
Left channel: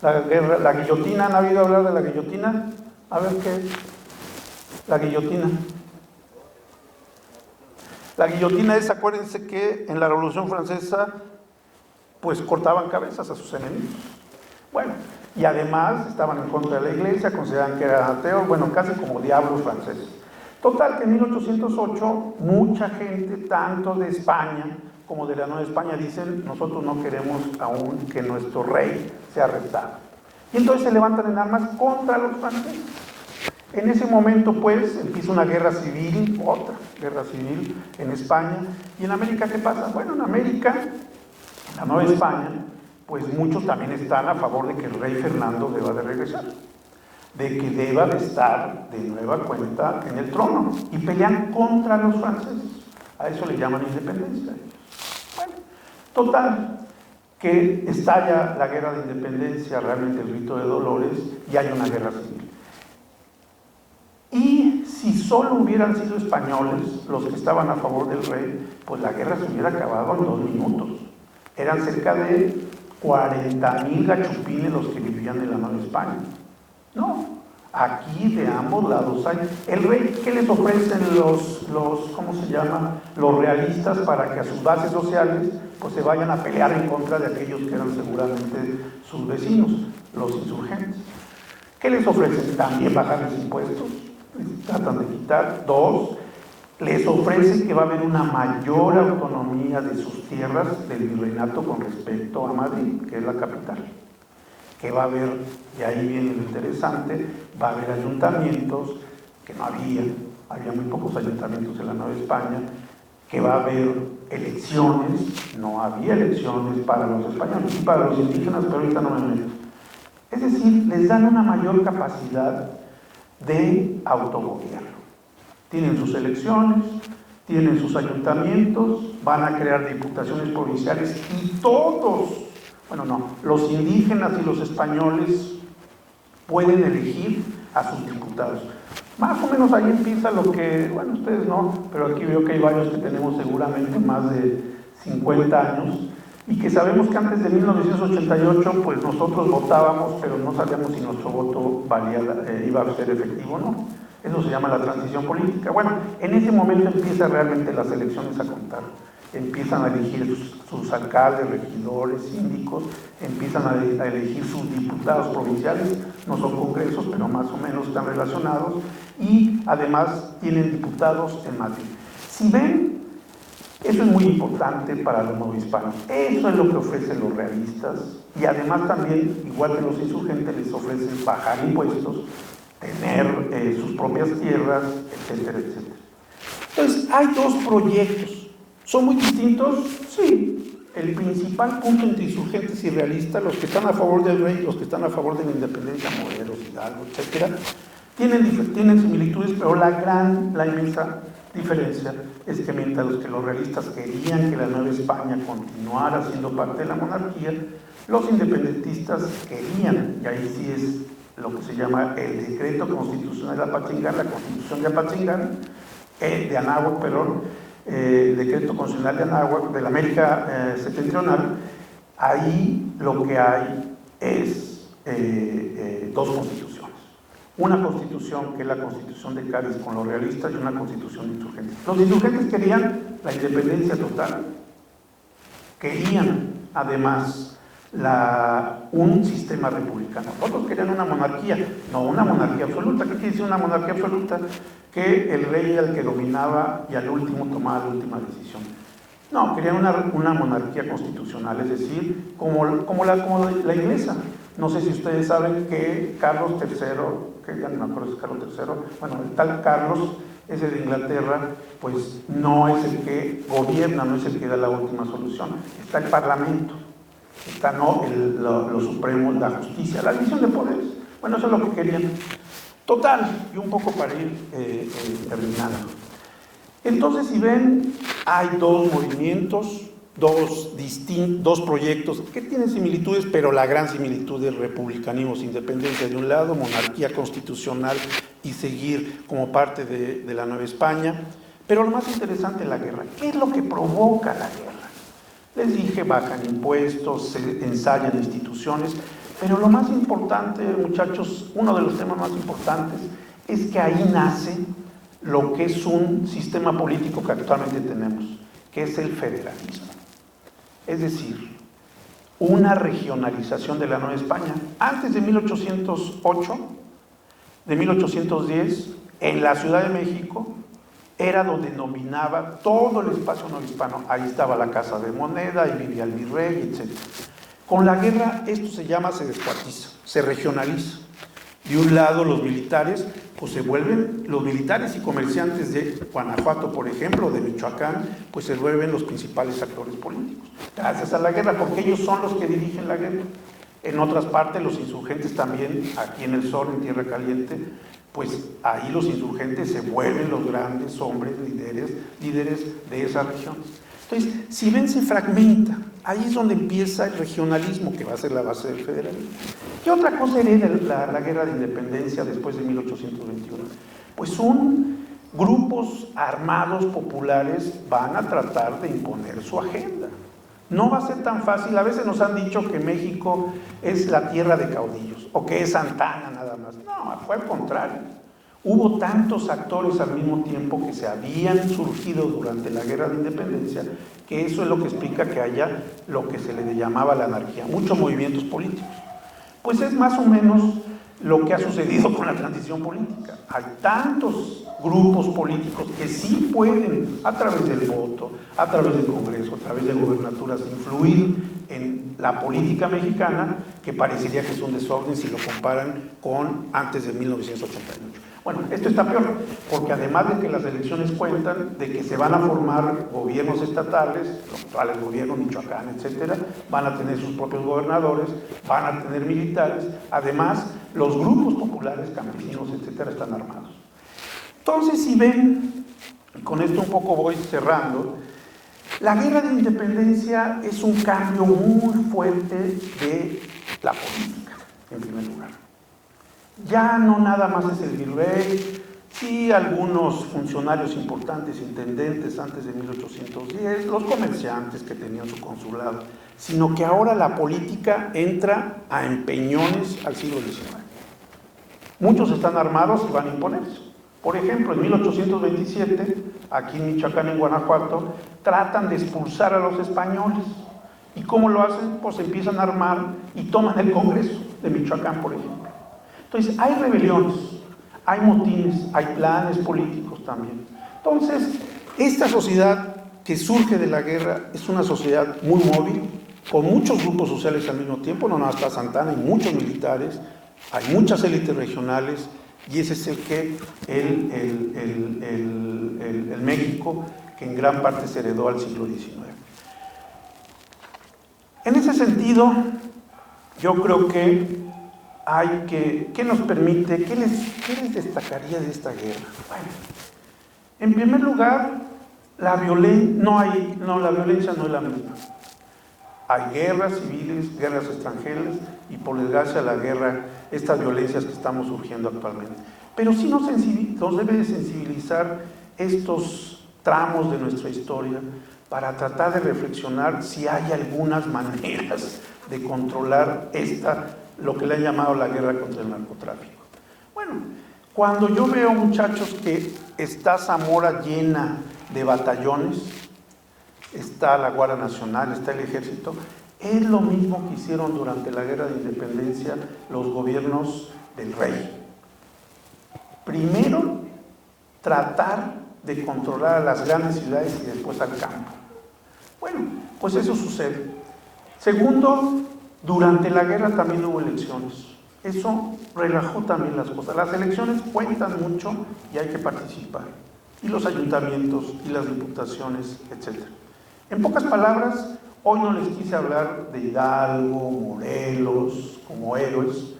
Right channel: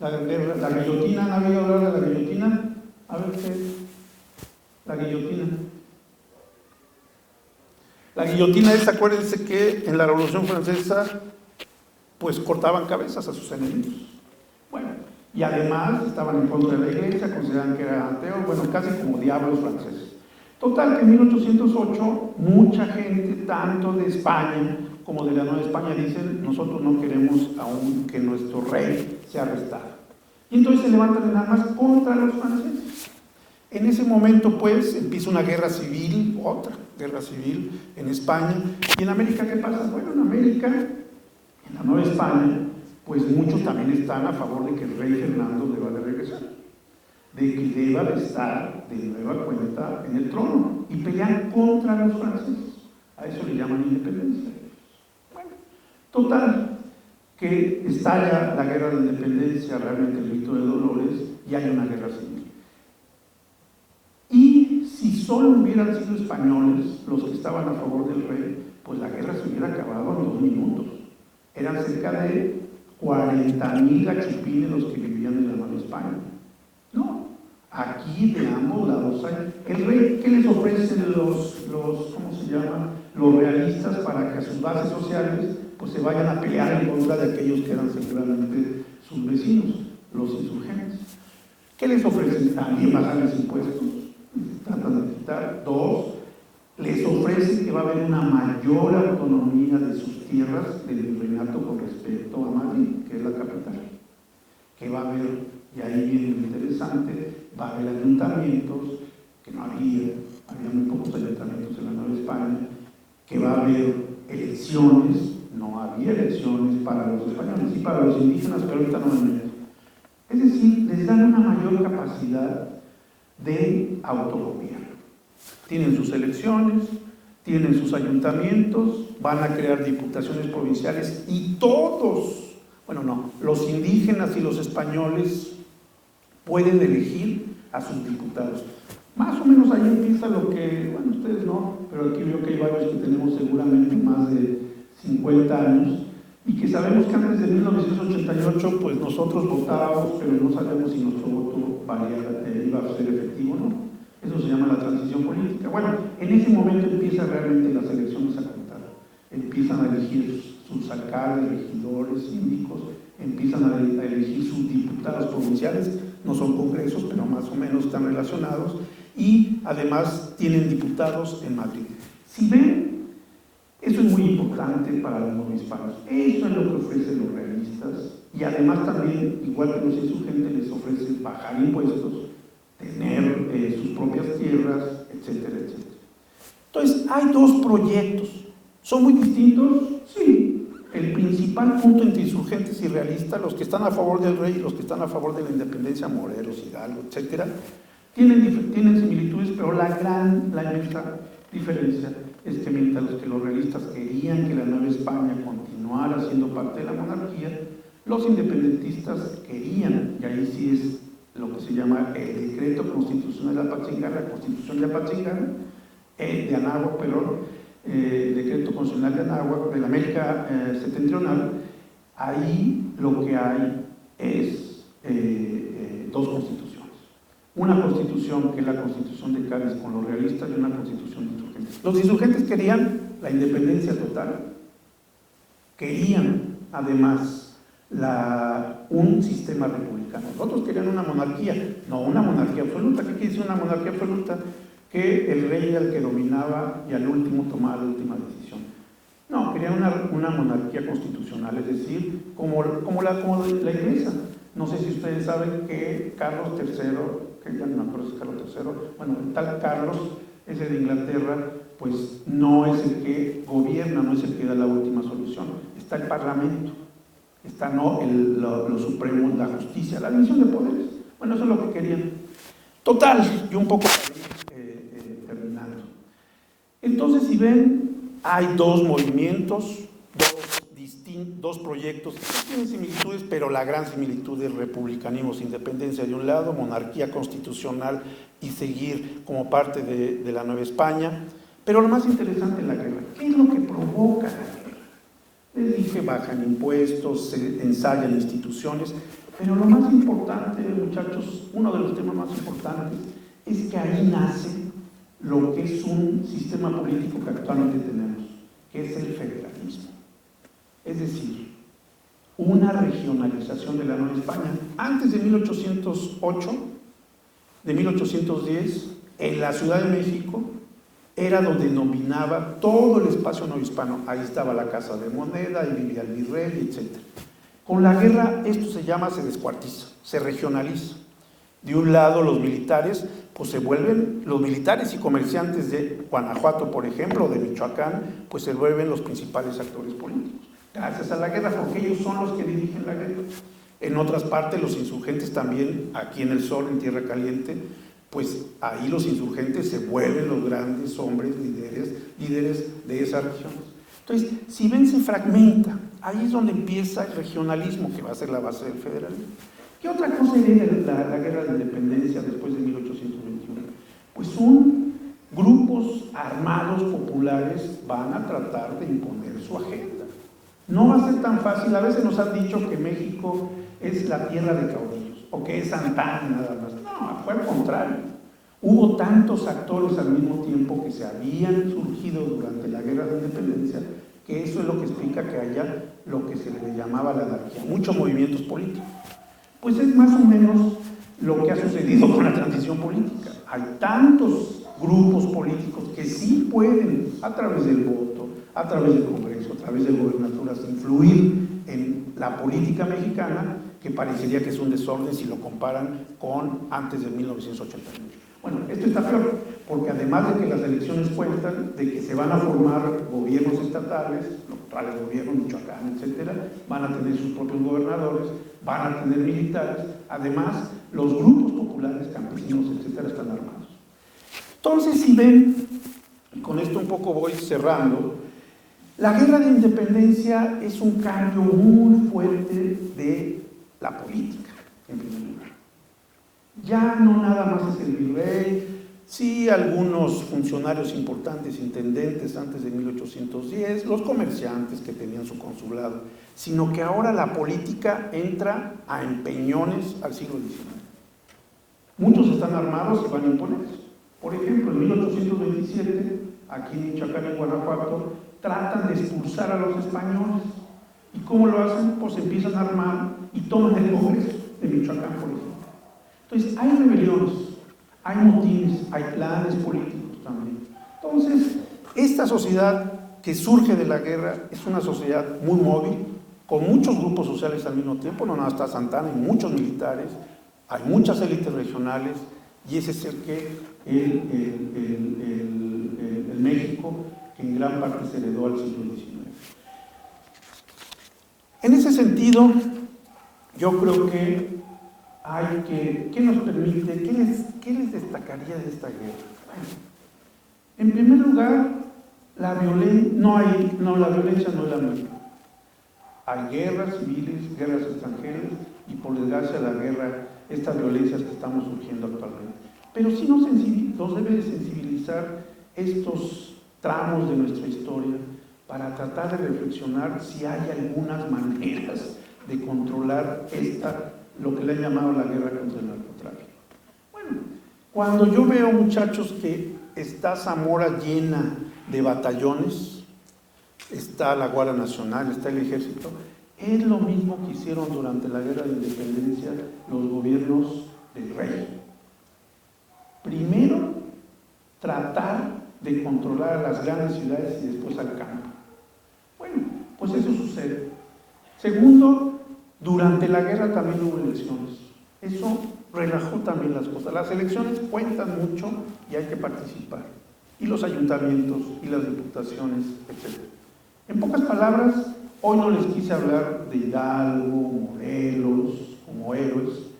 La guillotina, ¿han oído hablar de la guillotina? A ver qué es. La guillotina. La guillotina es, acuérdense que en la Revolución Francesa, pues cortaban cabezas a sus enemigos. Bueno, y además estaban en contra de la iglesia, consideraban que eran ateos, bueno, casi como diablos franceses. Total, que en 1808, mucha gente, tanto de España como de la Nueva España, dicen: nosotros no queremos aún que nuestro rey sea arrestado. Y entonces se levantan en armas contra los franceses. En ese momento, pues, empieza una guerra civil, otra guerra civil en España. ¿Y en América qué pasa? Bueno, en América, en la Nueva España, pues muchos también están a favor de que el rey Fernando deba de regresar, de que deba de estar de nueva cuenta en el trono, y pelean contra los franceses. A eso le llaman independencia. Bueno, total, que estalla la guerra de independencia, realmente el rito de Dolores, y hay una guerra civil. Y si solo hubieran sido españoles los que estaban a favor del rey, pues la guerra se hubiera acabado en 2 minutos. Eran cerca de 40,000 gachupines los que vivían en la Nueva España. No, aquí de ambos lados hay. El rey, ¿qué les ofrecen ¿cómo se llama? Los realistas, para que a sus bases sociales pues se vayan a pelear en contra de aquellos que eran seguramente sus vecinos, los insurgentes? ¿Qué les ofrecen? También bajarles impuestos, les tratan de quitar. 2, les ofrece que va a haber una mayor autonomía de sus tierras del virreinato con respecto a Madrid, que es la capital. Que va a haber, y ahí viene lo interesante, va a haber ayuntamientos, que no había muy pocos ayuntamientos en la Nueva España, que va a haber elecciones, no había elecciones para los españoles y para los indígenas, pero ahorita no me meto. Es decir, les dan una mayor capacidad de autogobierno. Tienen sus elecciones, tienen sus ayuntamientos, van a crear diputaciones provinciales, y todos, los indígenas y los españoles pueden elegir a sus diputados. Más o menos ahí empieza lo que, ustedes no, pero aquí veo que hay varios que tenemos seguramente más de 50 años, y que sabemos que antes de 1988, pues nosotros votábamos, pero no sabíamos si nuestro voto iba a ser efectivo o no. Eso se llama la transición política. Bueno, en ese momento empiezan realmente las elecciones a contar. Empiezan a elegir sus alcaldes, regidores, síndicos, empiezan a elegir sus diputados provinciales, no son congresos, pero más o menos están relacionados, y además tienen diputados en Madrid. Si ven, eso es muy importante para los novohispanos. Eso es lo que ofrecen los realistas, y además también, igual que los insurgentes, les ofrecen bajar impuestos, tener sus propias tierras, etcétera, etcétera. Entonces, hay 2 proyectos. ¿Son muy distintos? Sí. El principal punto entre insurgentes y realistas, los que están a favor del rey, los que están a favor de la independencia, Morelos, Hidalgo, etcétera, tienen similitudes, pero la inmensa diferencia es que mientras los realistas querían que la Nueva España continuara siendo parte de la monarquía, los independentistas querían, y ahí sí es lo que se llama el decreto constitucional de Apatzingán, la constitución de Apatzingán, de Anáhuac, decreto constitucional de Anáhuac, de la América septentrional. Ahí lo que hay es 2 constituciones. Una constitución que es la constitución de Cádiz con los realistas, y una constitución de insurgentes. Los insurgentes querían la independencia total, querían además un sistema republicano. Otros querían una monarquía, no una monarquía absoluta. ¿Qué quiere decir una monarquía absoluta? Que el rey era el que dominaba y al último tomaba la última decisión. No, querían una monarquía constitucional, es decir, como la inglesa. No sé si ustedes saben que Carlos III, que ya no me acuerdo si es Carlos III, bueno, el tal Carlos, ese de Inglaterra, pues no es el que gobierna, no es el que da la última solución. Está el Parlamento, está lo supremo, la justicia, la división de poderes. Bueno, eso es lo que querían. Total, y un poco para ir terminando. Entonces, si ven, hay dos movimientos, dos proyectos que tienen similitudes, pero la gran similitud es republicanismo, independencia de un lado, monarquía constitucional y seguir como parte de la Nueva España. Pero lo más interesante es la guerra. ¿Qué es lo que provoca la guerra? Les dije, bajan impuestos, se ensayan instituciones, pero lo más importante, muchachos, uno de los temas más importantes es que ahí nace lo que es un sistema político que actualmente tenemos, que es el federalismo. Es decir, una regionalización de la Nueva España. Antes de 1808, de 1810, en la Ciudad de México, era donde dominaba todo el espacio no hispano. Ahí estaba la Casa de Moneda, ahí vivía el virrey, etc. Con la guerra esto se descuartiza, se regionaliza. De un lado los militares, pues se vuelven, los militares y comerciantes de Guanajuato, por ejemplo, o de Michoacán, pues se vuelven los principales actores políticos, gracias a la guerra, porque ellos son los que dirigen la guerra. En otras partes, los insurgentes también, aquí en el sur, en Tierra Caliente, pues ahí los insurgentes se vuelven los grandes hombres, líderes de esas regiones. Entonces, si ven, se fragmenta. Ahí es donde empieza el regionalismo, que va a ser la base del federalismo. ¿Qué otra cosa hereda la guerra de independencia después de 1821? Pues son grupos armados populares van a tratar de imponer su agenda. No va a ser tan fácil. A veces nos han dicho que México es la tierra de caudillos, o que es Santana nada más. No, fue al contrario. Hubo tantos actores al mismo tiempo que se habían surgido durante la guerra de independencia, que eso es lo que explica que haya lo que se le llamaba la anarquía, muchos movimientos políticos. Pues es más o menos lo que ha sucedido con la transición política. Hay tantos grupos políticos que sí pueden, a través del voto, a través del Congreso, a través de gobernaturas, influir en la política mexicana, que parecería que es un desorden si lo comparan con antes de 1988. Bueno, esto está peor, porque además de que las elecciones cuentan, de que se van a formar gobiernos estatales, los cuales gobierno Michoacán, etcétera, van a tener sus propios gobernadores, van a tener militares, además los grupos populares, campesinos, etcétera, están armados. Entonces, si ven, y con esto un poco voy cerrando, la guerra de independencia es un cambio muy fuerte de la política, en primer lugar. Ya no nada más es el virrey, sí algunos funcionarios importantes, intendentes antes de 1810, los comerciantes que tenían su consulado, sino que ahora la política entra a empeñones al siglo XIX. Muchos están armados y van a imponerse. Por ejemplo, en 1827, aquí en Michoacán, en Guanajuato, tratan de expulsar a los españoles. ¿Y cómo lo hacen? Pues empiezan a armar y toman el Congreso de Michoacán, por ejemplo. Entonces, hay rebeliones, hay motines, hay planes políticos también. Entonces, esta sociedad que surge de la guerra es una sociedad muy móvil, con muchos grupos sociales al mismo tiempo, no nada más está Santana, hay muchos militares, hay muchas élites regionales, y ese es el México que en gran parte se heredó al siglo XIX. En ese sentido, yo creo que ¿qué nos permite? ¿Qué les destacaría de esta guerra? Bueno, en primer lugar, la violencia no es la misma. Hay guerras civiles, guerras extranjeras y por desgracia la guerra, estas violencias que estamos surgiendo actualmente. Pero sí nos debe de sensibilizar estos tramos de nuestra historia para tratar de reflexionar si hay algunas maneras de controlar lo que le han llamado la guerra contra el narcotráfico. Bueno, cuando yo veo, muchachos, que está Zamora llena de batallones, está la Guardia Nacional, está el Ejército, es lo mismo que hicieron durante la Guerra de Independencia los gobiernos del rey. Primero, tratar de controlar a las grandes ciudades y después al campo. Bueno, pues eso sucede. Segundo, durante la guerra también hubo elecciones. Eso relajó también las cosas. Las elecciones cuentan mucho y hay que participar. Y los ayuntamientos y las diputaciones, etc. En pocas palabras, hoy no les quise hablar de Hidalgo, Morelos, como héroes.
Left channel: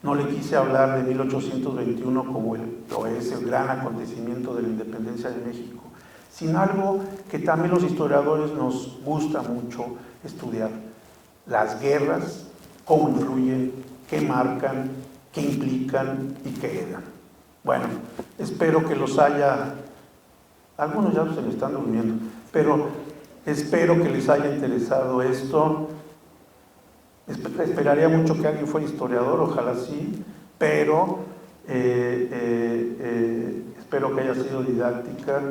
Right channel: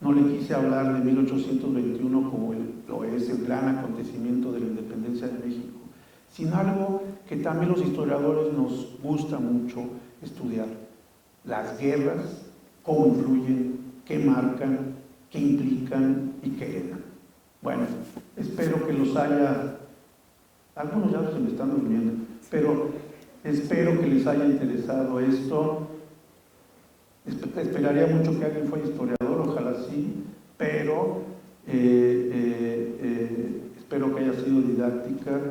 No le quise hablar de 1821 como lo es el gran acontecimiento de la independencia de México, sino algo que también los historiadores nos gusta mucho estudiar: las guerras, cómo influyen, qué marcan, qué implican y qué eran. Bueno, espero que los haya, algunos ya se me están durmiendo, pero espero que les haya interesado esto. Esperaría mucho que alguien fuera historiador, ojalá sí, pero espero que haya sido didáctica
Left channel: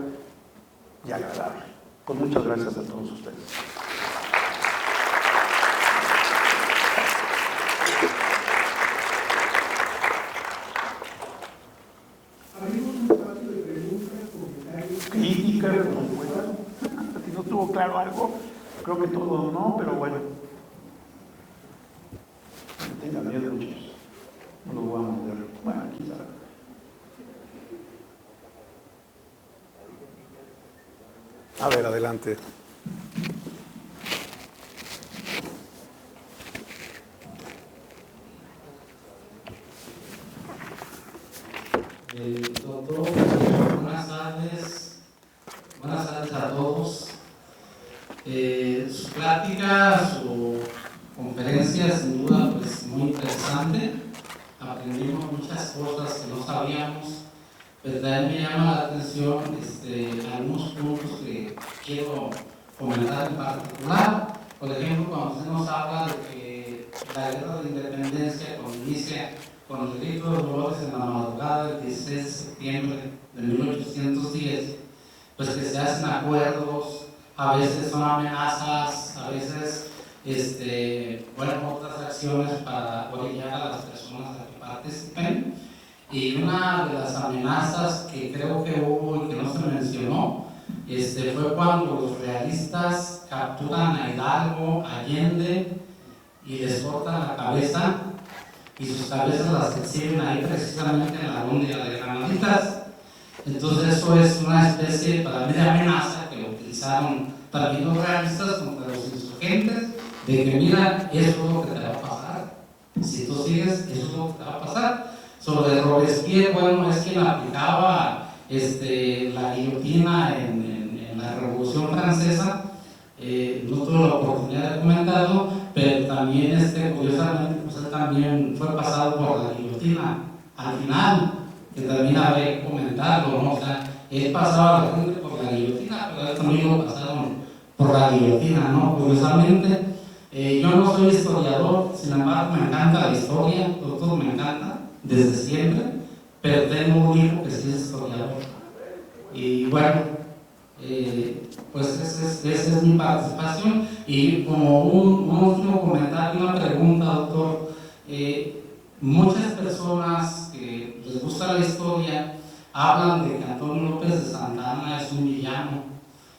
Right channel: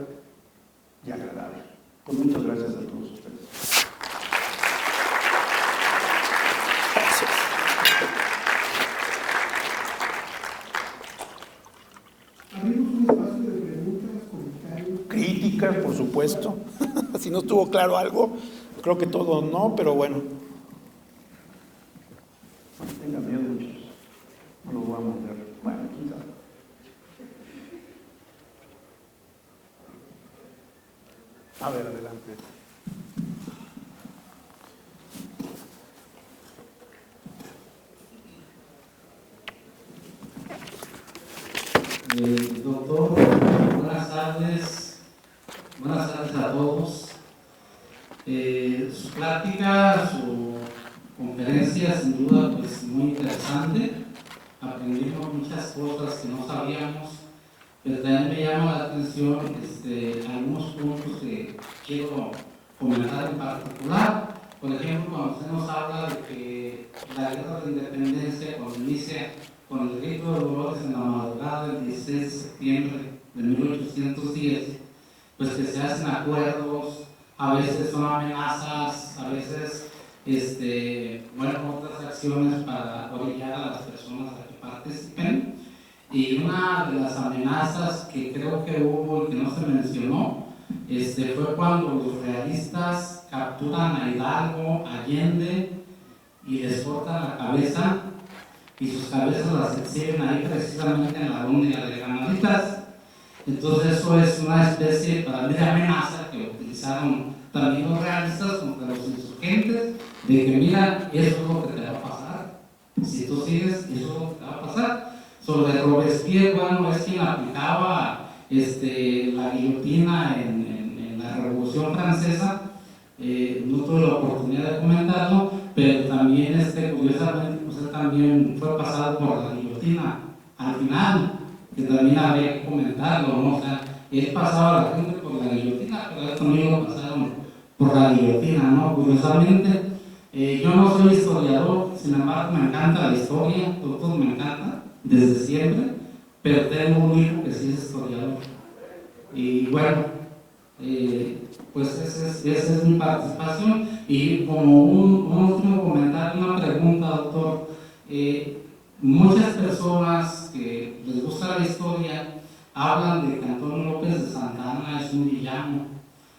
y agradable. Pues muchas gracias a todos ustedes. Abrimos un espacio de preguntas, comentarios. Críticas, por supuesto. Si no estuvo claro algo, creo que todo no, pero bueno. Tengan miedo, muchachos. No los voy a mover. Bueno, aquí está. A ver, adelante. Doctor, buenas tardes a todos. Su plática, su conferencia, sin duda, pues muy interesante. Aprendimos muchas cosas que no sabíamos, pero también me llama la atención algunos puntos que quiero comentar en particular. Por ejemplo, cuando usted nos habla de que la guerra de independencia, cuando inicia con el grito de Dolores en la madrugada del 16 de septiembre de 1810, pues que se hacen acuerdos, a veces son amenazas, a veces otras acciones para orillar a las personas a que participen. Y una de las amenazas que creo que hubo y que no se mencionó fue cuando los realistas capturan a Hidalgo, Allende y les cortan la cabeza, y sus cabezas las exhiben ahí precisamente en la Alhóndiga de Granaditas. Entonces eso es una especie para mí de amenaza que utilizaron también los realistas contra los insurgentes, de que mira, eso es lo que te va a pasar, si tú sigues, eso es lo que te va a pasar. Sobre Robespierre, bueno, es quien aplicaba la guillotina en la Revolución Francesa. No tuve la oportunidad de comentarlo, pero también curiosamente pues él también fue pasado por la guillotina al final, que también había que comentarlo, ¿no? O sea, él pasaba a la gente por la guillotina, pero él también lo pasaron por la guillotina, ¿no? Curiosamente, yo no soy historiador, sin embargo me encanta la historia, todo me encanta, desde siempre, pero tengo un hijo que sí es historiador. Y bueno, pues esa es mi participación. Y como un último comentario, una pregunta, doctor. Muchas personas que les gusta la historia hablan de que Antonio López de Santa Anna es un villano.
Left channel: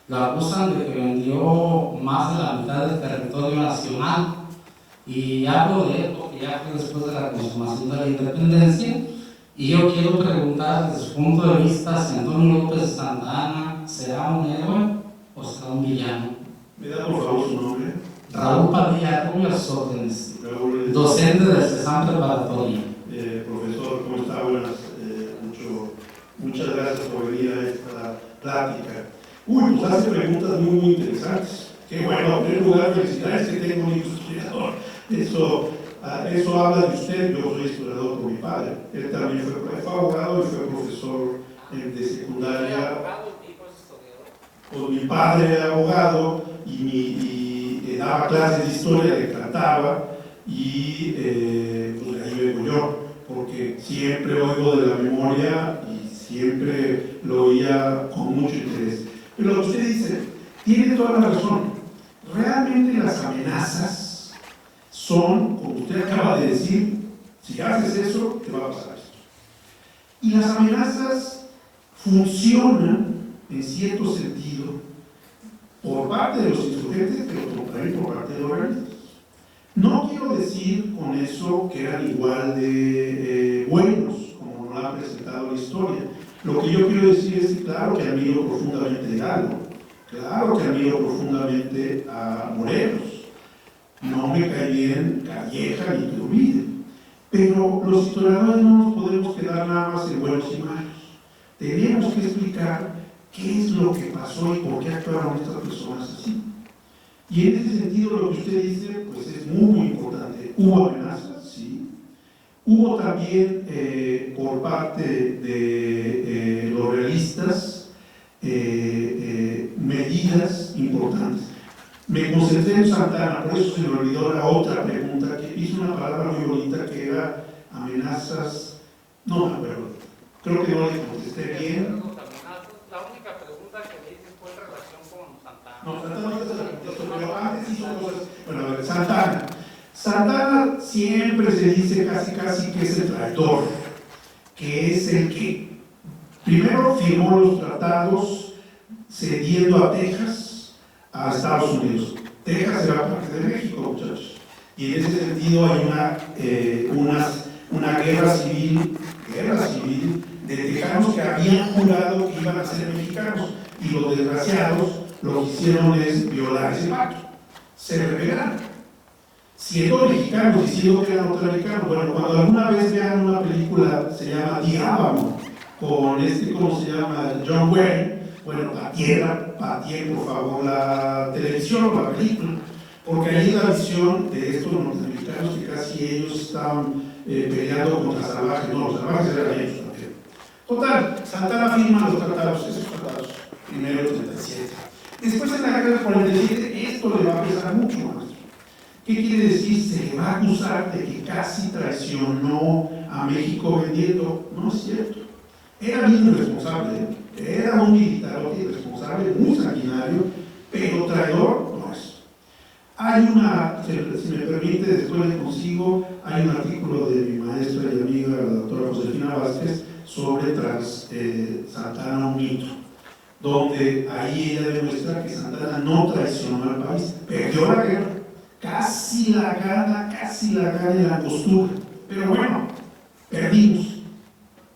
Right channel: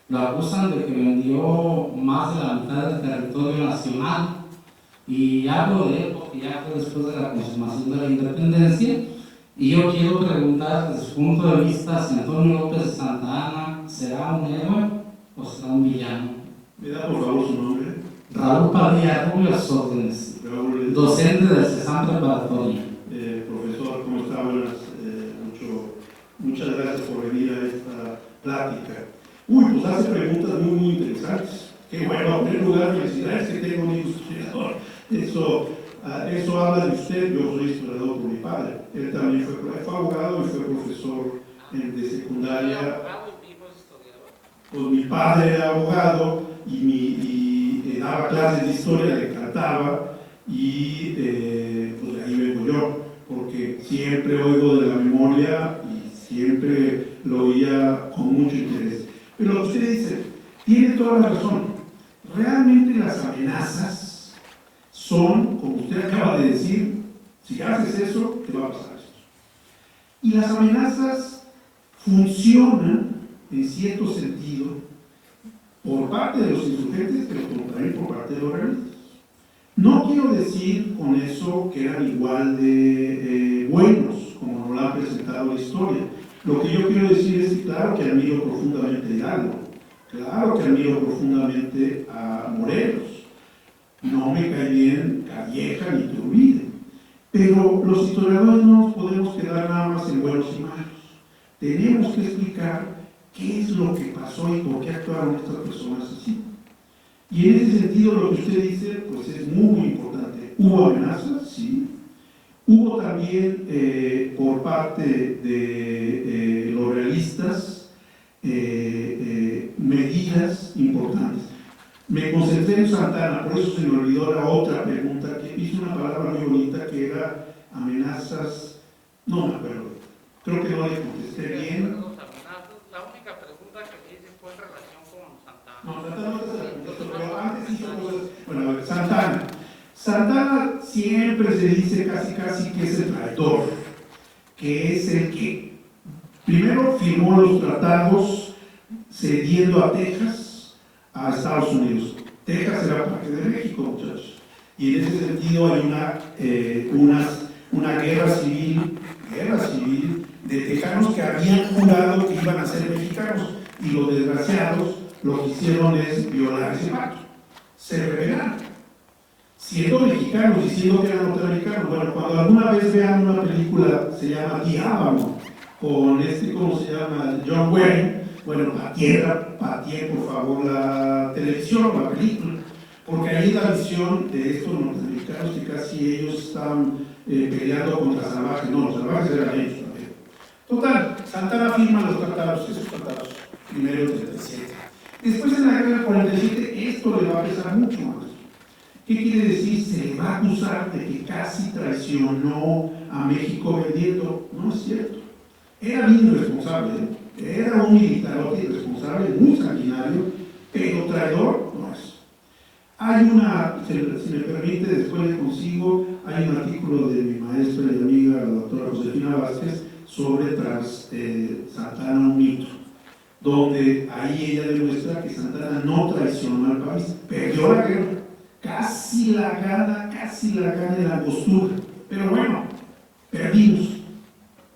Lo acusan de que vendió más de la mitad del territorio nacional. Y hablo de él porque ya fue después de la consumación de la independencia. Y yo quiero preguntar desde su punto de vista si Antonio López de Santa Anna será un héroe o será un villano. ¿Me da por favor su nombre? Raúl Padilla Rubio, a sus órdenes. Docente del CESAM Preparatoria. Profesor, ¿cómo está? Buenas. Muchas gracias por venir a esta plática. Pues hace preguntas muy interesantes. Que bueno, en primer lugar, felicidades que tengo un hijo historiador. Eso habla de usted. Yo soy historiador por mi padre. Él también fue abogado y fue profesor de secundaria. Pues mi padre era abogado y daba clases de historia, le encantaba, y pues ahí vengo yo, porque siempre oigo de la memoria y siempre lo oía con mucho interés. Pero lo que usted dice, tiene toda la razón. Realmente las amenazas son, como usted acaba de decir, si haces eso, te va a pasar esto. Y las amenazas funcionan, en cierto sentido, por parte de los insurgentes, pero también por parte de los realistas. No quiero decir con eso que eran igual de buenos, como nos lo han presentado la historia. Lo que yo quiero decir es que claro que admiro profundamente a Hidalgo, claro que admiro profundamente a Morelos, no me cae bien Calleja ni Iturbide, pero los historiadores no nos podemos quedar nada más en buenos y malos. Tenemos que explicar qué es lo que pasó y por qué actuaron estas personas así. Y en ese sentido lo que usted dice pues es muy importante. Hubo amenazas, sí. Hubo también por parte de los realistas medidas importantes. Me concentré en Santana, por eso se me olvidó la otra pregunta, que hizo una palabra muy bonita que era amenazas, no me acuerdo, creo que no le contesté bien. La única pregunta que me hice fue en relación con Santana. No, Santana no se la contestó, pero antes hizo cosas, bueno, a ver, Santana. Santana siempre se dice casi que es el traidor, que es el que primero firmó los tratados cediendo a Texas a Estados Unidos. Texas era parte de México, muchachos. Y en ese sentido hay una guerra civil de tejanos que habían jurado que iban a ser mexicanos y los desgraciados lo que hicieron es violar ese pacto. Se rebelaron. Siendo mexicanos, diciendo que eran norteamericanos. Bueno, cuando alguna vez vean una película, se llama Diábano, con ¿cómo se llama? John Wayne. Bueno, patien por favor la televisión, la película, porque ahí la visión de estos norteamericanos que casi ellos estaban peleando contra salvajes, no, los salvajes eran ellos también. Total, Santana firma los tratados, esos tratados, primero el 37. Después en la guerra del 47, esto le va a pesar mucho más. ¿Qué quiere decir? Se le va a acusar de que casi traicionó a México vendiendo. No es cierto. Era bien irresponsable, era un militarote irresponsable, muy sanguinario, pero traidor no es. Hay si me permite, después le consigo, hay un artículo de mi maestra y amiga, la doctora Josefina Vázquez, sobre Santana un mito, donde ahí ella demuestra que Santana no traicionó al país, perdió la guerra, casi la gana en la costura, pero bueno, perdimos.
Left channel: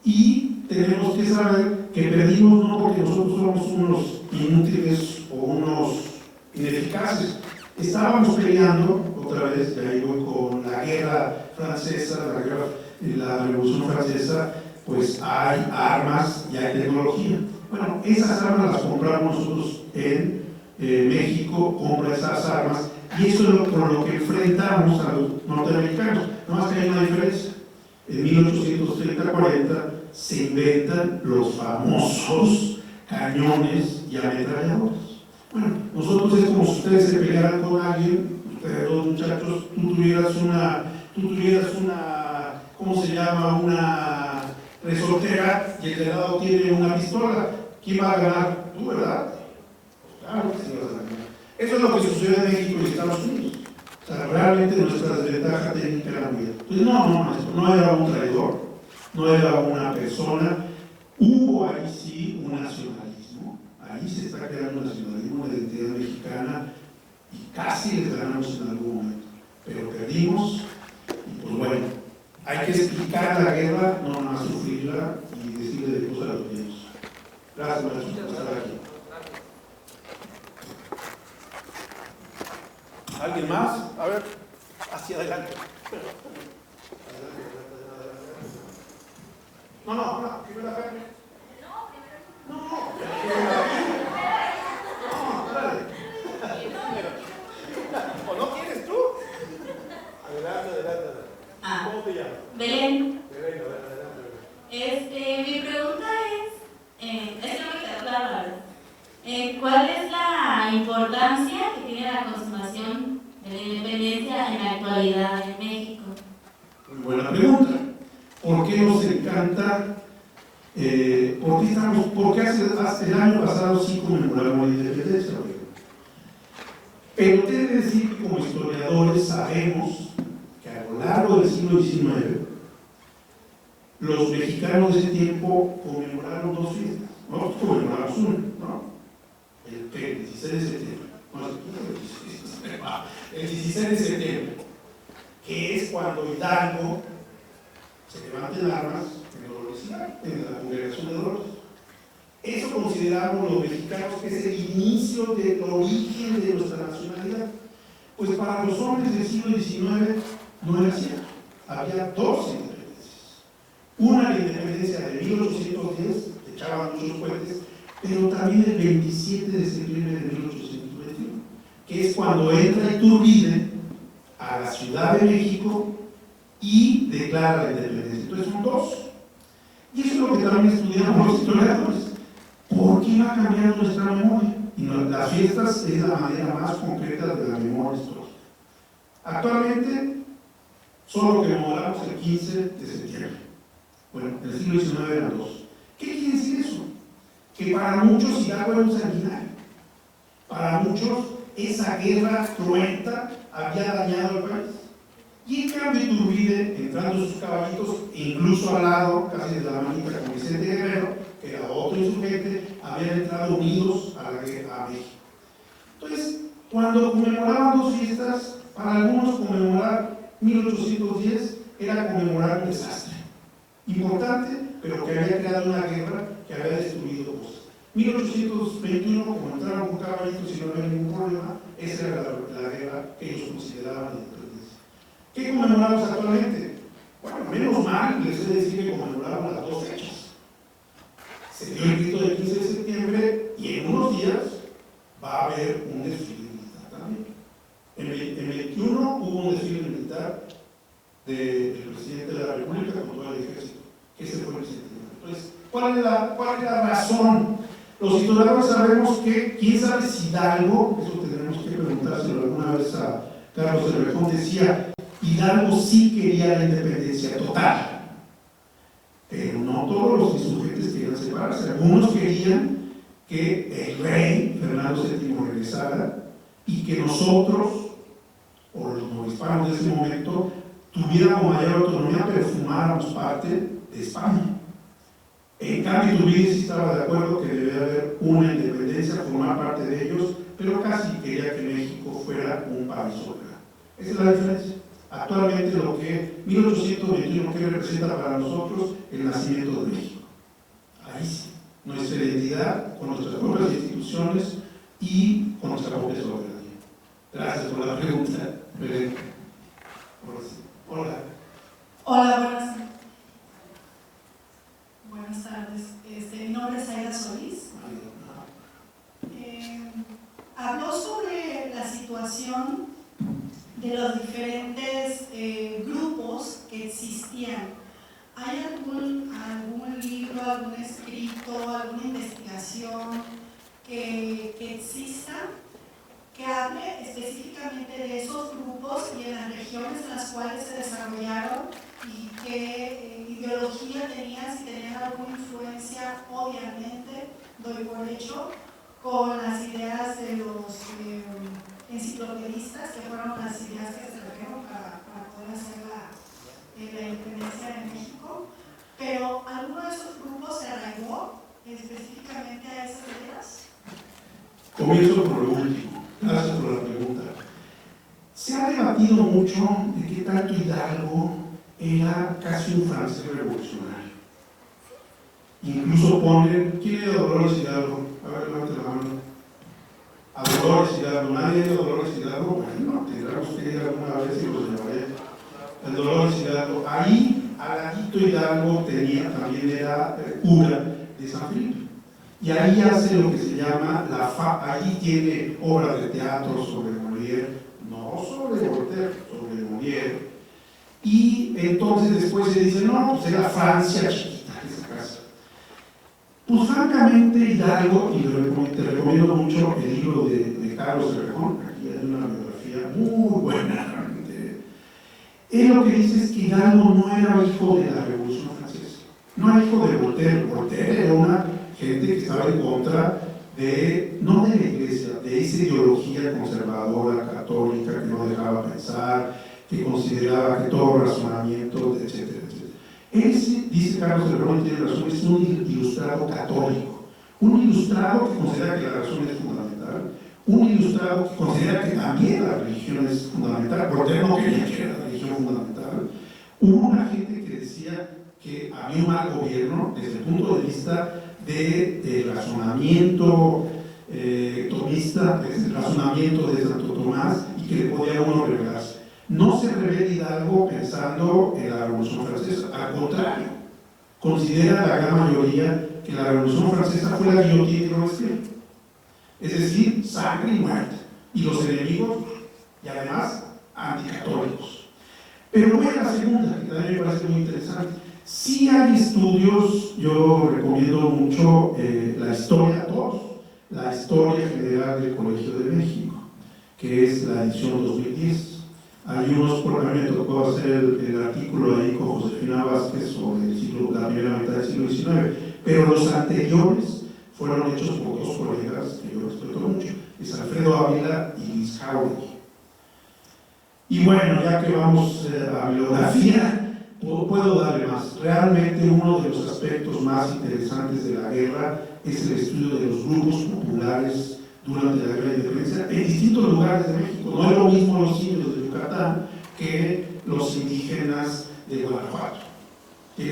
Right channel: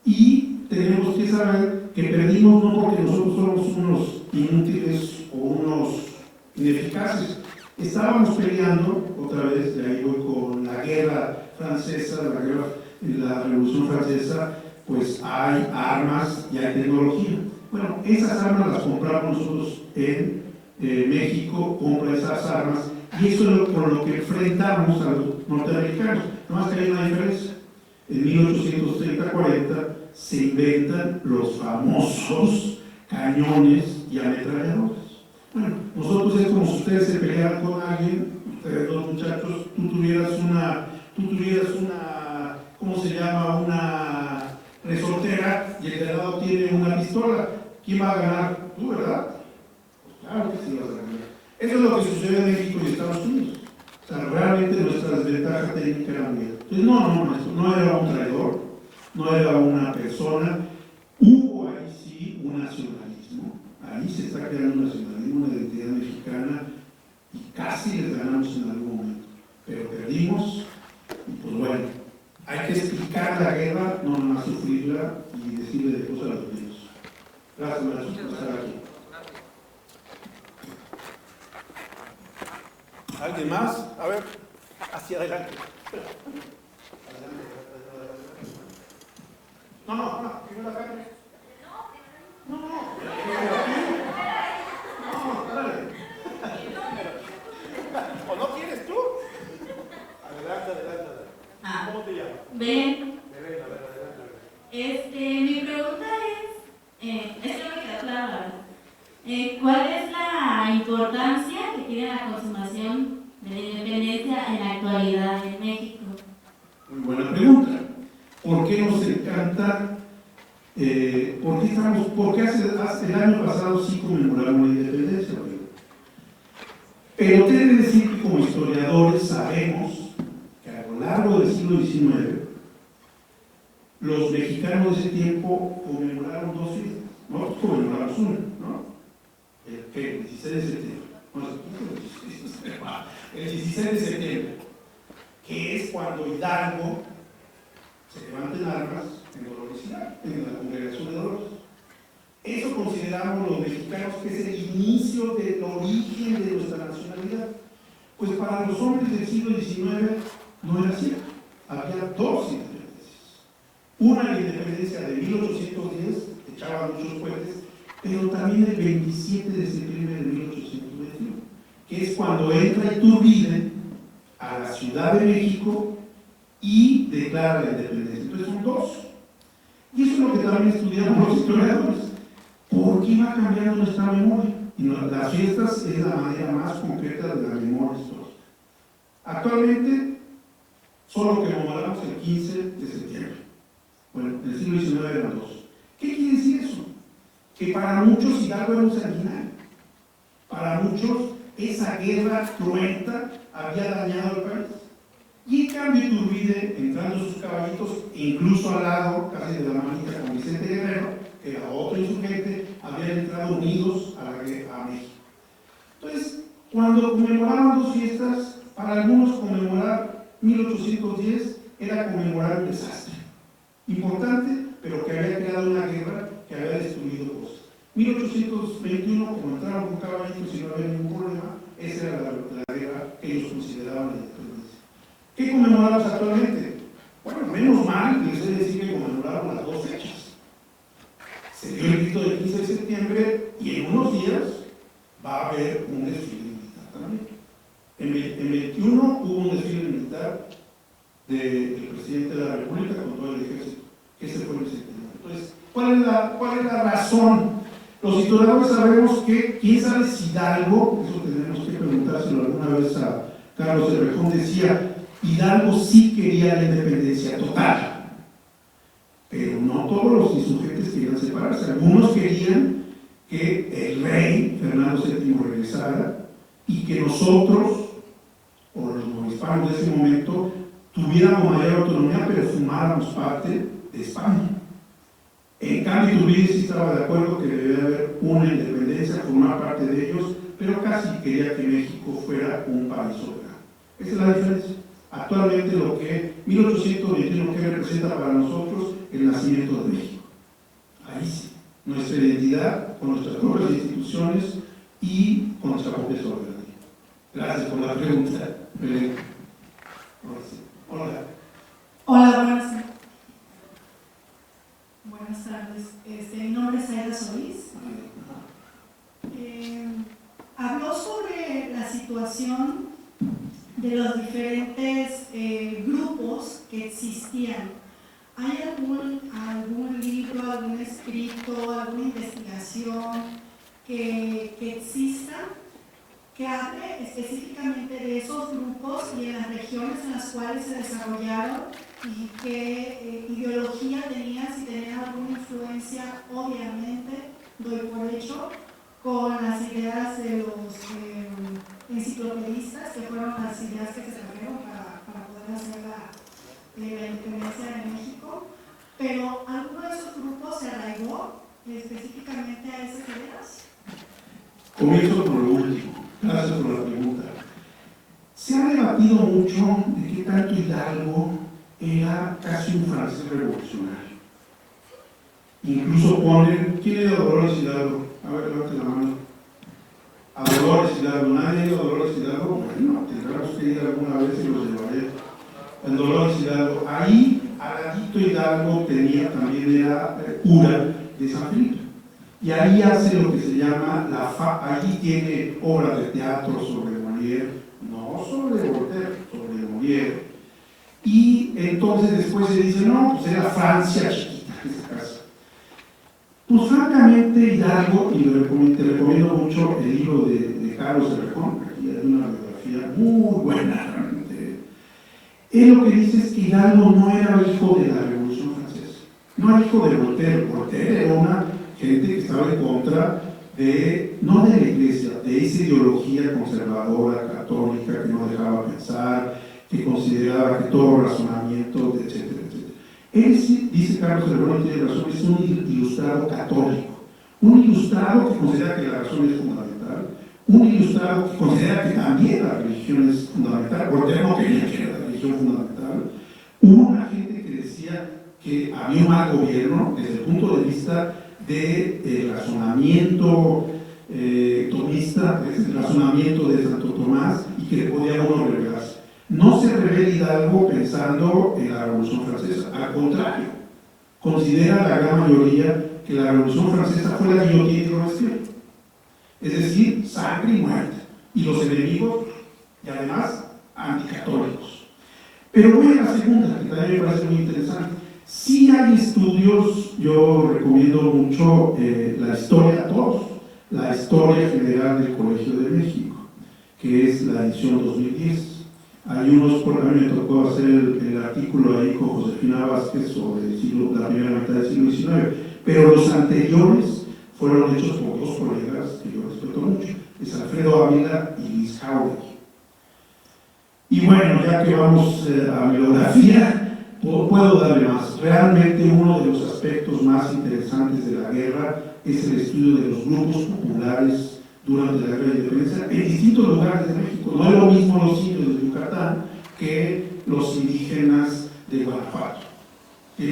Y tenemos que saber que perdimos no porque nosotros somos unos inútiles o unos ineficaces. Estábamos peleando, otra vez, ya ahí voy con la guerra francesa, la revolución francesa, pues hay armas y hay tecnología. Bueno, esas armas las compramos nosotros en México, compra esas armas, y eso es por lo que enfrentamos a los norteamericanos. No más que hay una diferencia. En 1830-40 se inventan los famosos cañones y ametralladoras. Bueno, nosotros es como si ustedes se pelearan con alguien, ustedes dos muchachos, tú tuvieras una, ¿cómo se llama? Una resortera y el de lado tiene una pistola. ¿Quién va a ganar? Tú, ¿verdad? Pues claro que sí vas a ganar. Eso es lo que sucede en México y Estados Unidos. O sea, realmente nuestra desventaja técnica era muy alta. Entonces, no era un traidor, no era una persona. Hubo ahí sí un nacionalismo, ahí se está creando un nacionalismo, una identidad mexicana, y casi les ganamos en algún momento. Pero perdimos, y pues bueno, hay que explicar la guerra, no nada más sufrirla y decirle de cosas a los niños. Gracias, maestro, por estar aquí. ¿Alguien más? A ver, hacia adelante. No, primero acá. No, dale. ¿O no quieres tú? Adelante. ¿Cómo te llamas? Belén. Mi pregunta es que no me queda claro, la verdad. ¿Cuál es la importancia que tiene la consumación de la independencia en la actualidad en México? Muy buena pregunta. ¿Por qué nos encanta? ¿Por qué hace el año pasado sí conmemoramos la independencia? Pero quiere decir que como historiadores sabemos que a lo largo del siglo XIX los mexicanos de ese tiempo conmemoraron dos fiestas. Nosotros conmemoramos una, ¿no? El 16 de septiembre. no es el 16 de septiembre, que es cuando Hidalgo se levanta en armas en Dolores Hidalgo, en la congregación de Dolores. Eso consideramos los mexicanos que es el inicio del origen de nuestra nacionalidad. Pues para los hombres del siglo XIX no era cierto. Había dos independencias. Una, la independencia de 1810, echaban muchos cohetes, pero también el 27 de septiembre de 1821, que es cuando entra Iturbide a la Ciudad de México y declara la independencia. Entonces son dos. Y eso es lo que también estudiamos los historiadores. ¿Por qué va cambiando nuestra memoria? Y las fiestas es la manera más concreta de la memoria histórica. Actualmente, solo conmemoramos el 15 de septiembre. Bueno, en el siglo XIX eran dos. ¿Qué quiere decir eso? Que para muchos Hidalgo era un sanguinario. Para muchos, esa guerra cruenta había dañado al país. Y en cambio, Iturbide, entrando sus caballitos, incluso al lado, casi de la manita con Vicente Guerrero, que era otro insurgente, habían entrado unidos a México. Entonces, cuando conmemoraban dos fiestas, para algunos conmemorar 1810 era conmemorar un desastre importante, pero que había creado una guerra que había destruido cosas. 1821, como entraron con caballitos y no había ningún problema, esa era la guerra que ellos consideraban la independencia. ¿Qué conmemoramos actualmente? Bueno, menos mal, les voy a decir que conmemoraron las dos fechas. Se dio el grito del 15 de septiembre y en unos días va a haber un desfile militar también. En el 21 hubo un desfile militar del presidente de la República con todo el ejército. Ese fue el 7 de septiembre. Entonces, ¿cuál es la razón? Los historiadores sabemos que, quién sabe si Hidalgo, eso tenemos que preguntárselo alguna vez a Carlos de Rejón, decía, Hidalgo sí quería la independencia total. Pero no todos los insurgentes querían separarse. Algunos querían que el rey, Fernando VII, regresara y que nosotros, o los novohispanos de ese momento, tuviéramos mayor autonomía, pero formáramos parte de España. En cambio, Iturbide sí estaba de acuerdo que debía haber una independencia, formar parte de ellos, pero casi quería que México fuera un país soberano. Esa es la diferencia. Actualmente lo que 1821 que representa para nosotros el nacimiento de México. Ahí sí, nuestra identidad con nuestras propias instituciones y con nuestra propia soberanía. Gracias por la pregunta, Belén. Hola. Hola, buenas tardes. Mi nombre es Aida Solís. Habló sobre la situación de los diferentes grupos que existían. ¿Hay algún libro, algún escrito, alguna investigación que exista que hable específicamente de esos grupos y de las regiones en las cuales se desarrollaron y qué ideología tenían, si tenían alguna influencia, obviamente, doy por hecho, con las ideas de los enciclopedistas, que fueron las ideas que se trajeron para poder hacer la independencia de México, pero ¿alguno de esos grupos se arraigó específicamente a esas ideas? Comienzo por lo último. Gracias por la pregunta. Se ha debatido mucho de qué tanto Hidalgo era casi un francés revolucionario. Incluso ponen, ¿quién era Dolores Hidalgo? A ver, levante la mano. A Dolores Hidalgo, ¿nadie es Dolores Hidalgo? Bueno, tendremos que ir alguna vez y los llevaré. El Dolores Hidalgo, ahí, al ladito Hidalgo tenía, también era cura de San Felipe. Y ahí hace lo que se llama allí tiene obras de teatro sobre Molière, no sobre Voltaire, sobre Molière. Y entonces después se dice, no, pues era Francia chiquita, esa casa. Pues francamente Hidalgo, y te recomiendo mucho el libro de Carlos de Rejón, aquí hay una biografía muy buena realmente. Él lo que dice es que Hidalgo no era hijo de la Revolución Francesa, no era hijo de Voltaire. Voltaire era una gente que estaba en contra no de la iglesia, de esa ideología conservadora, católica, que no dejaba pensar, que consideraba que todo razonamiento, etcétera, etcétera. Él sí, dice Carlos de Rejón, tiene razón, es un ilustrado católico, un ilustrado que considera que la razón es fundamental, un ilustrado que considera que también la religión es fundamental, Voltaire no quería que era la religión fundamental, una gente que decía que había un mal gobierno desde el punto de vista del razonamiento tomista, el razonamiento de Santo Tomás, y que le podía uno revelarse. No se revela Hidalgo pensando en la Revolución Francesa, al contrario, considera la gran mayoría que la Revolución Francesa fue la guillotina y Robespierre, es decir, sangre y muerte, y los enemigos, y además, anticatólicos. Pero voy a la segunda, que también me parece muy interesante. Sí hay estudios, yo recomiendo mucho la historia a todos, la historia general del Colegio de México, que es la edición 2010. Hay unos, porque a mí me tocó hacer el artículo ahí con Josefina Vázquez sobre la primera mitad del siglo XIX, pero los anteriores fueron hechos por dos colegas que yo respeto mucho, es Alfredo Ávila y Luis Jauregui. Y bueno, ya que vamos a bibliografía, puedo darle más. Realmente uno de los aspectos más interesantes de la guerra es el estudio de los grupos populares durante la Guerra de Independencia en distintos lugares de México. No es lo mismo los indios de Yucatán que los indígenas de Guanajuato. Y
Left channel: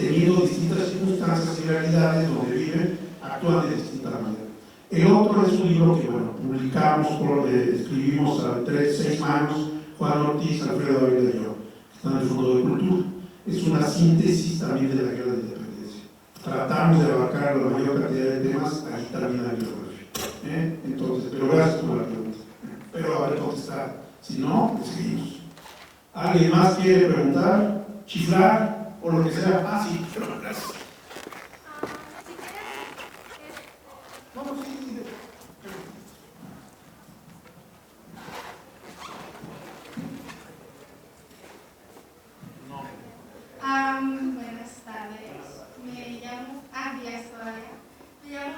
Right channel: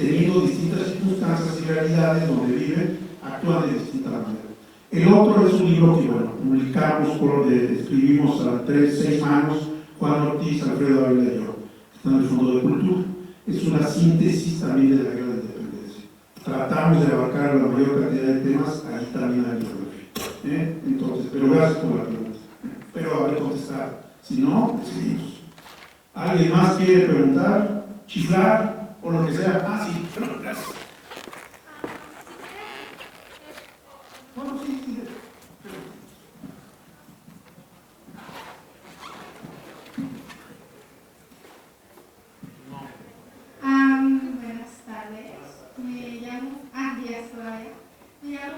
teniendo distintas circunstancias y realidades donde viven, actúan de distinta manera. El otro es un libro que, bueno, publicamos, escribimos a 6 manos, Juan Ortiz, Alfredo Ávila y yo, que está en el Fondo de Cultura. Es una síntesis también de la Guerra de Independencia. Tratamos de abarcar la mayor cantidad de temas, ahí también hay bibliografía. Entonces, pero gracias por la pregunta. Pero haber contestado. Si no, le seguimos. ¿Alguien más quiere preguntar, chiflar o lo que sea? Ah, sí, pero gracias. No, sí, sí. Buenas tardes. Me llamo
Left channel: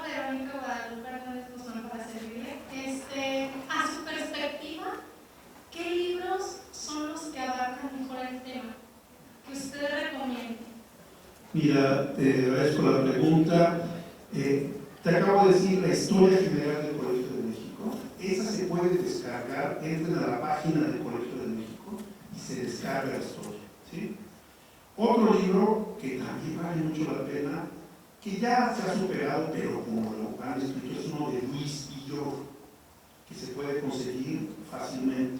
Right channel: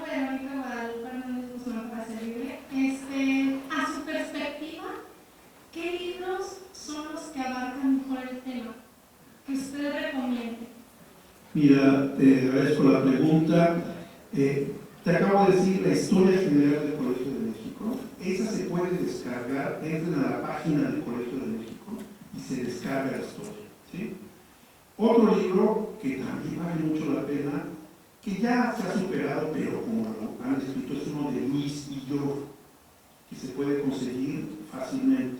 Verónica Guadalupe Hernández Guzmán para servirle. A su perspectiva, ¿qué libros son los que abarcan mejor el tema que usted recomiende? Mira, te agradezco la pregunta. Te acabo de decir la historia general del Colegio de México. Esa se puede descargar, entren a la página del Colegio de México y se descarga la historia, ¿sí? Otro libro que también vale mucho la pena, que ya se ha superado, pero como lo han escrito, es uno de Luis Villoro, que se puede conseguir fácilmente,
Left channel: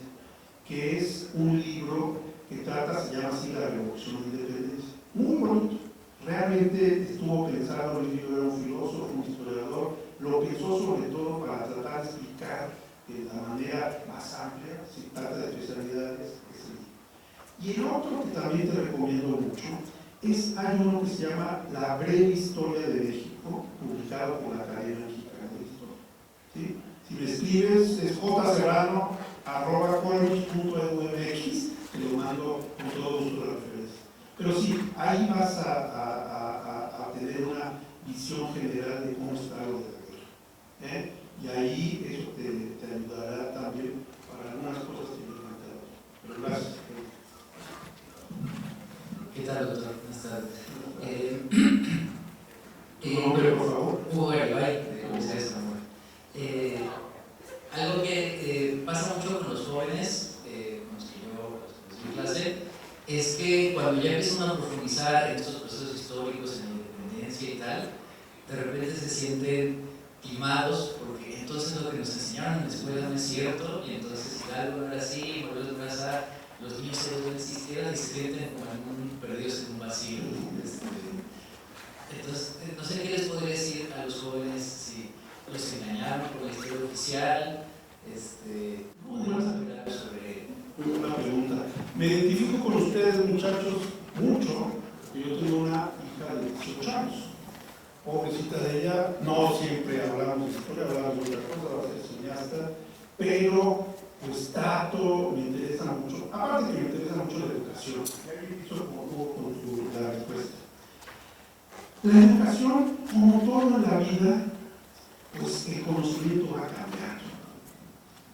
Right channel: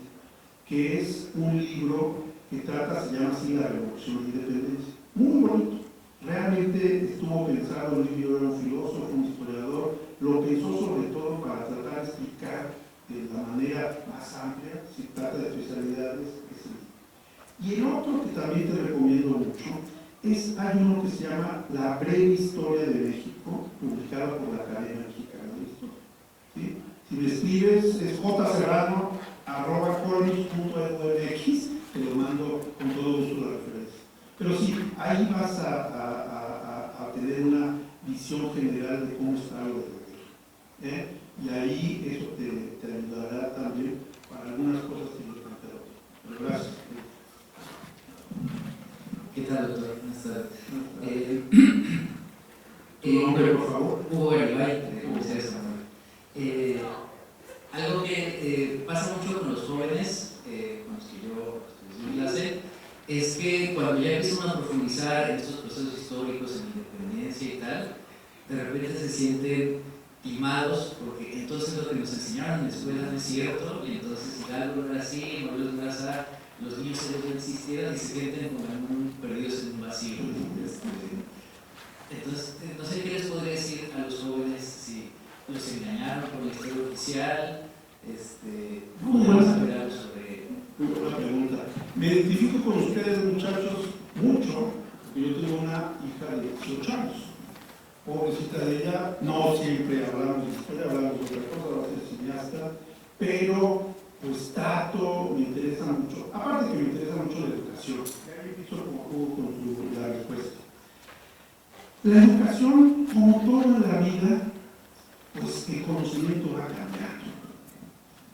que es un libro que se llama así La Revolución de Independencia. Muy bonito. Realmente estuvo pensado, Luis Villoro era un filósofo, un historiador, lo pensó sobre todo para tratar de explicar de la manera más amplia, si trata de especialidades, y el otro que también te recomiendo mucho hay uno que se llama La Breve Historia de México, publicado por la Academia Mexicana de Historia. ¿Sí? Si me escribes es jserrano@colex.edu.mx, te lo mando con todo gusto de referencia. Pero sí, ahí vas a tener una visión general de cómo está lo de la guerra. Y ahí eso te ayudará también para algunas cosas que yo he planteado. Pero gracias. ¿Qué tal, doctor? Buenas tardes. ¿Tu nombre, por favor? Hugo Garibay, de ustedes, por favor. Algo que pasa mucho con los jóvenes, con los que yo estoy en clase, es que cuando ya empiezan a profundizar en estos procesos históricos, en la independencia y tal, de repente se sienten timados, porque entonces lo que nos enseñaron en la escuela no es cierto, y entonces Hidalgo no era así, Morelos no era así, los niños no existieran y se sienten como perdidos en un vacío. Entonces, no sé qué les podría decir a los jóvenes si los engañaron por la historia oficial, Muy buena sobre... Una pregunta. Me identifico con ustedes, muchachos, mucho, porque yo tengo una hija de 18 años. Pobrecita de ella, no siempre hablamos de historia, hablamos de otra cosa, va a ser cineasta, pero pues trato, me interesa mucho, aparte que me interesa mucho la educación. Eso es como juego con la respuesta. La educación, como todo en la vida, pues el conocimiento va cambiando.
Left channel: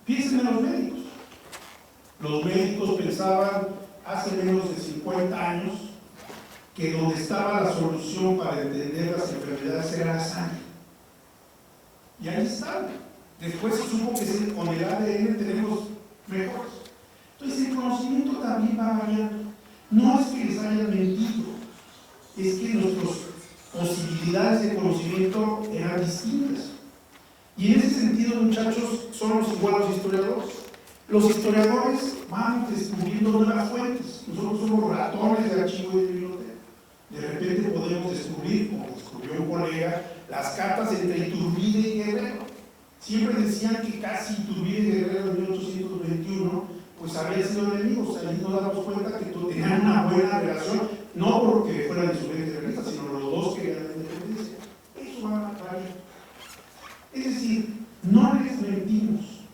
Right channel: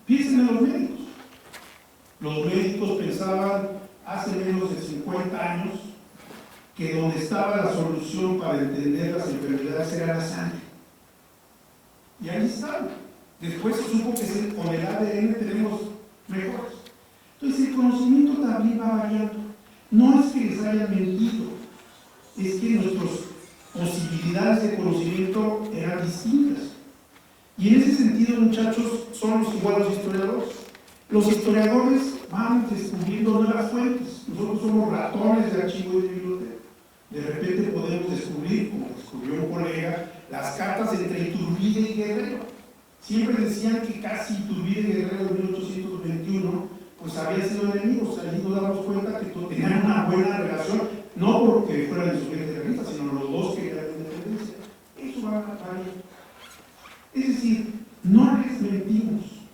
Piensen en los médicos. Los médicos pensaban hace menos de 50 años que donde estaba la solución para entender las enfermedades era la sangre. Y ahí están. Después se supo que con el ADN tenemos mejores. Entonces el conocimiento también va variando. No es que les haya mentido, es que nuestras posibilidades de conocimiento eran distintas. Y en ese sentido, muchachos, somos igual los historiadores. Los historiadores van descubriendo nuevas fuentes. Nosotros somos ratones de archivo y de biblioteca. De repente podemos descubrir, como descubrió un colega, las cartas entre Iturbide y Guerrero. Siempre decían que casi Iturbide y Guerrero en 1821 pues habían sido enemigos. Ahí nos damos cuenta que tenían una buena relación, no porque fueran insurgentes realistas, sino los dos querían la independencia. Eso va a variar. Es decir, no les mentimos,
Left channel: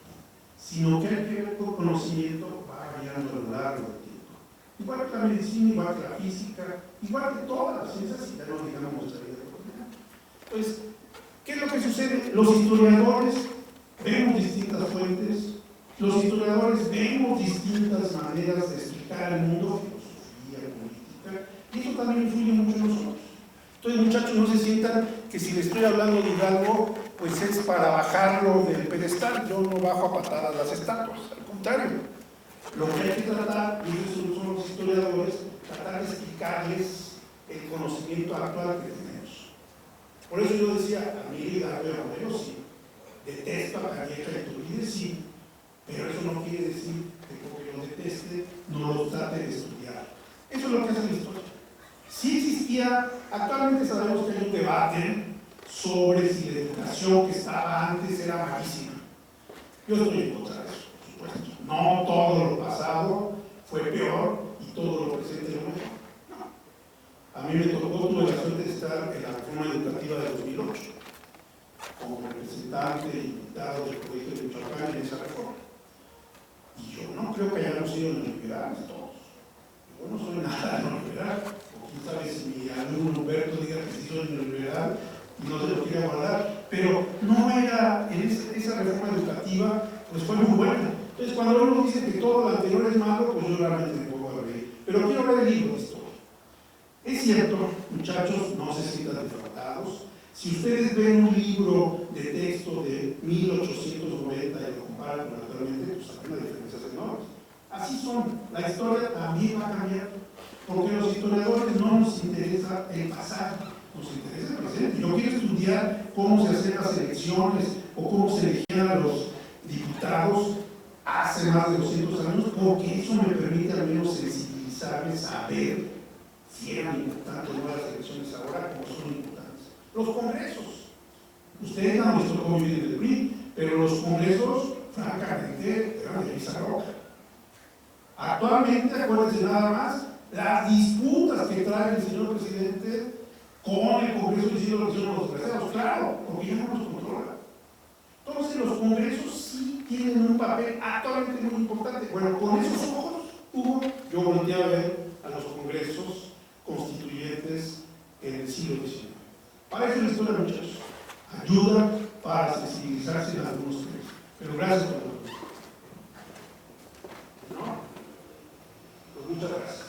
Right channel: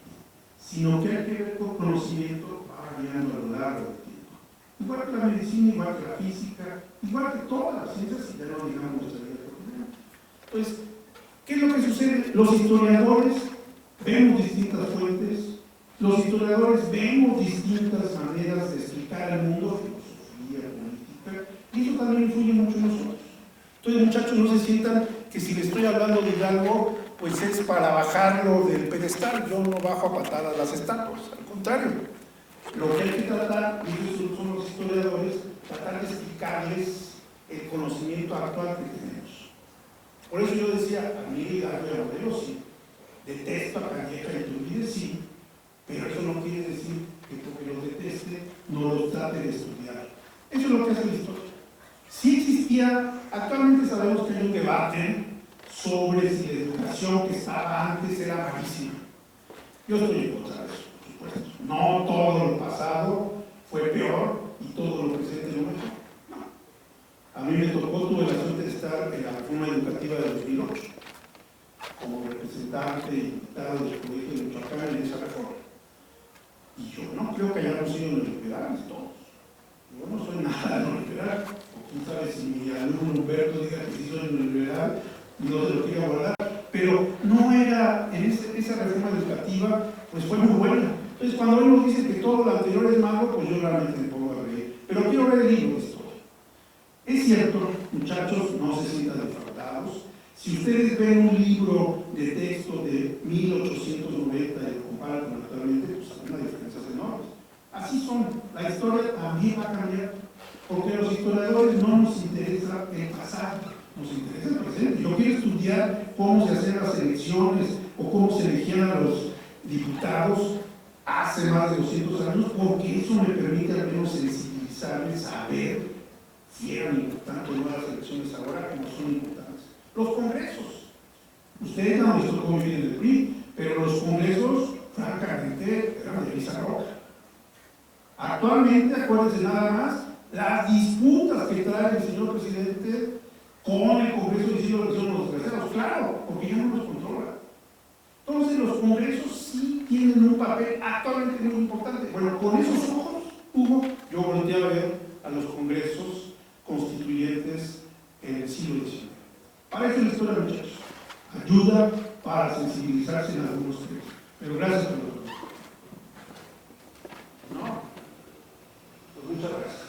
sino que hay que ver que el conocimiento va variando a lo largo del tiempo. Igual que la medicina, igual que la física, igual que todas las ciencias, si ya no digamos nuestra vida cotidiana. Entonces, ¿qué es lo que sucede? Los historiadores vemos distintas fuentes, los historiadores vemos distintas maneras de explicar el mundo, filosofía, política, y eso también influye mucho en nosotros. Entonces, muchachos, no se sientan que si les estoy hablando de algo, pues es para bajarlo del pedestal. Yo no bajo a patadas las estatuas, al contrario. Lo que hay que tratar, y eso son los historiadores, tratar de explicarles el conocimiento actual que tenemos. Por eso yo decía, a mí Darío Abreu sí, detesto a Calleja y Iturbide sí, pero eso no quiere decir que porque los deteste no los trate de estudiar. Eso es lo que hace la historia. Sí existía, actualmente sabemos que hay un debate sobre si la educación que estaba antes era malísima. Yo estoy en contra de eso, por supuesto. No todo lo pasado fue peor y todo lo presente no mejor. No. A mí me tocó, tuve la suerte de estar en la reforma educativa de 2008 como representante y invitado del Colegio de Michoacán en esa reforma. Y yo no creo que hayamos sido neoliberales todos. Yo no soy nada neoliberal. Quién sabe si mi alumno Humberto diga que sí soy neoliberal y no se lo quiere guardar, pero no era, en esa reforma educativa, pues fue muy buena. Entonces, cuando uno dice que todo lo anterior es malo, pues yo realmente me pongo a reír. Pero quiero ver el libro de historia. Es cierto, muchachos, no se sientan defraudados. Si ustedes ven un libro de texto de 1890 y lo comparan con actualmente, pues hay una diferencia enorme. Así son, la historia también va a cambiar, porque a los historiadores no nos interesa el pasado, nos interesa el presente. Yo quiero estudiar cómo se hacían las elecciones o cómo se elegían a los diputados hace más de 200 años, porque eso me permite al menos sensibilizarme, saber si eran importantes o no las elecciones ahora, como son importantes. Los congresos. Ustedes no les tocó vivir en el PRI, pero los congresos, francamente, eran de Visa Roja. Actualmente, acuérdense nada más, las disputas que trae el señor presidente con el Congreso diciendo que son los terceros, claro, porque ya no los controla. Entonces los congresos sí tienen un papel actualmente muy importante. Bueno, con esos ojos, Hugo, yo volteé a ver a los congresos constituyentes en el siglo XIX. Para eso la historia, muchachos, ayuda para sensibilizarse en algunos temas. Pero gracias por todo. ¿No? Pues muchas gracias.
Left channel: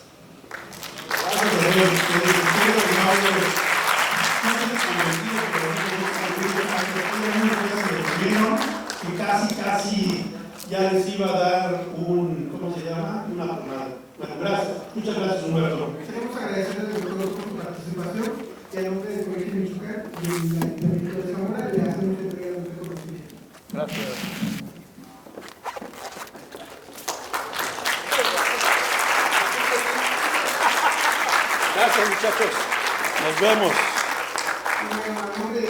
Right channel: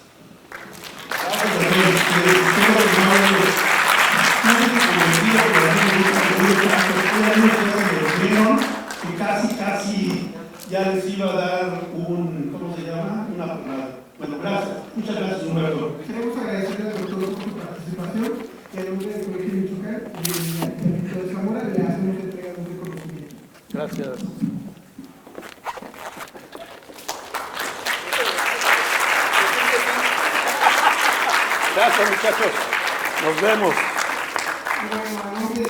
Casi ya les iba a dar ¿cómo se llama? Una pomada. Bueno, gracias. Muchas gracias, Humberto. Queremos agradecerle al doctor por su participación y al nombre del Colegio de Michoacán y el Ayuntamiento de Zamora le hacemos entrega de un reconocimiento. Gracias. Gracias, muchachos. Nos vemos. En nombre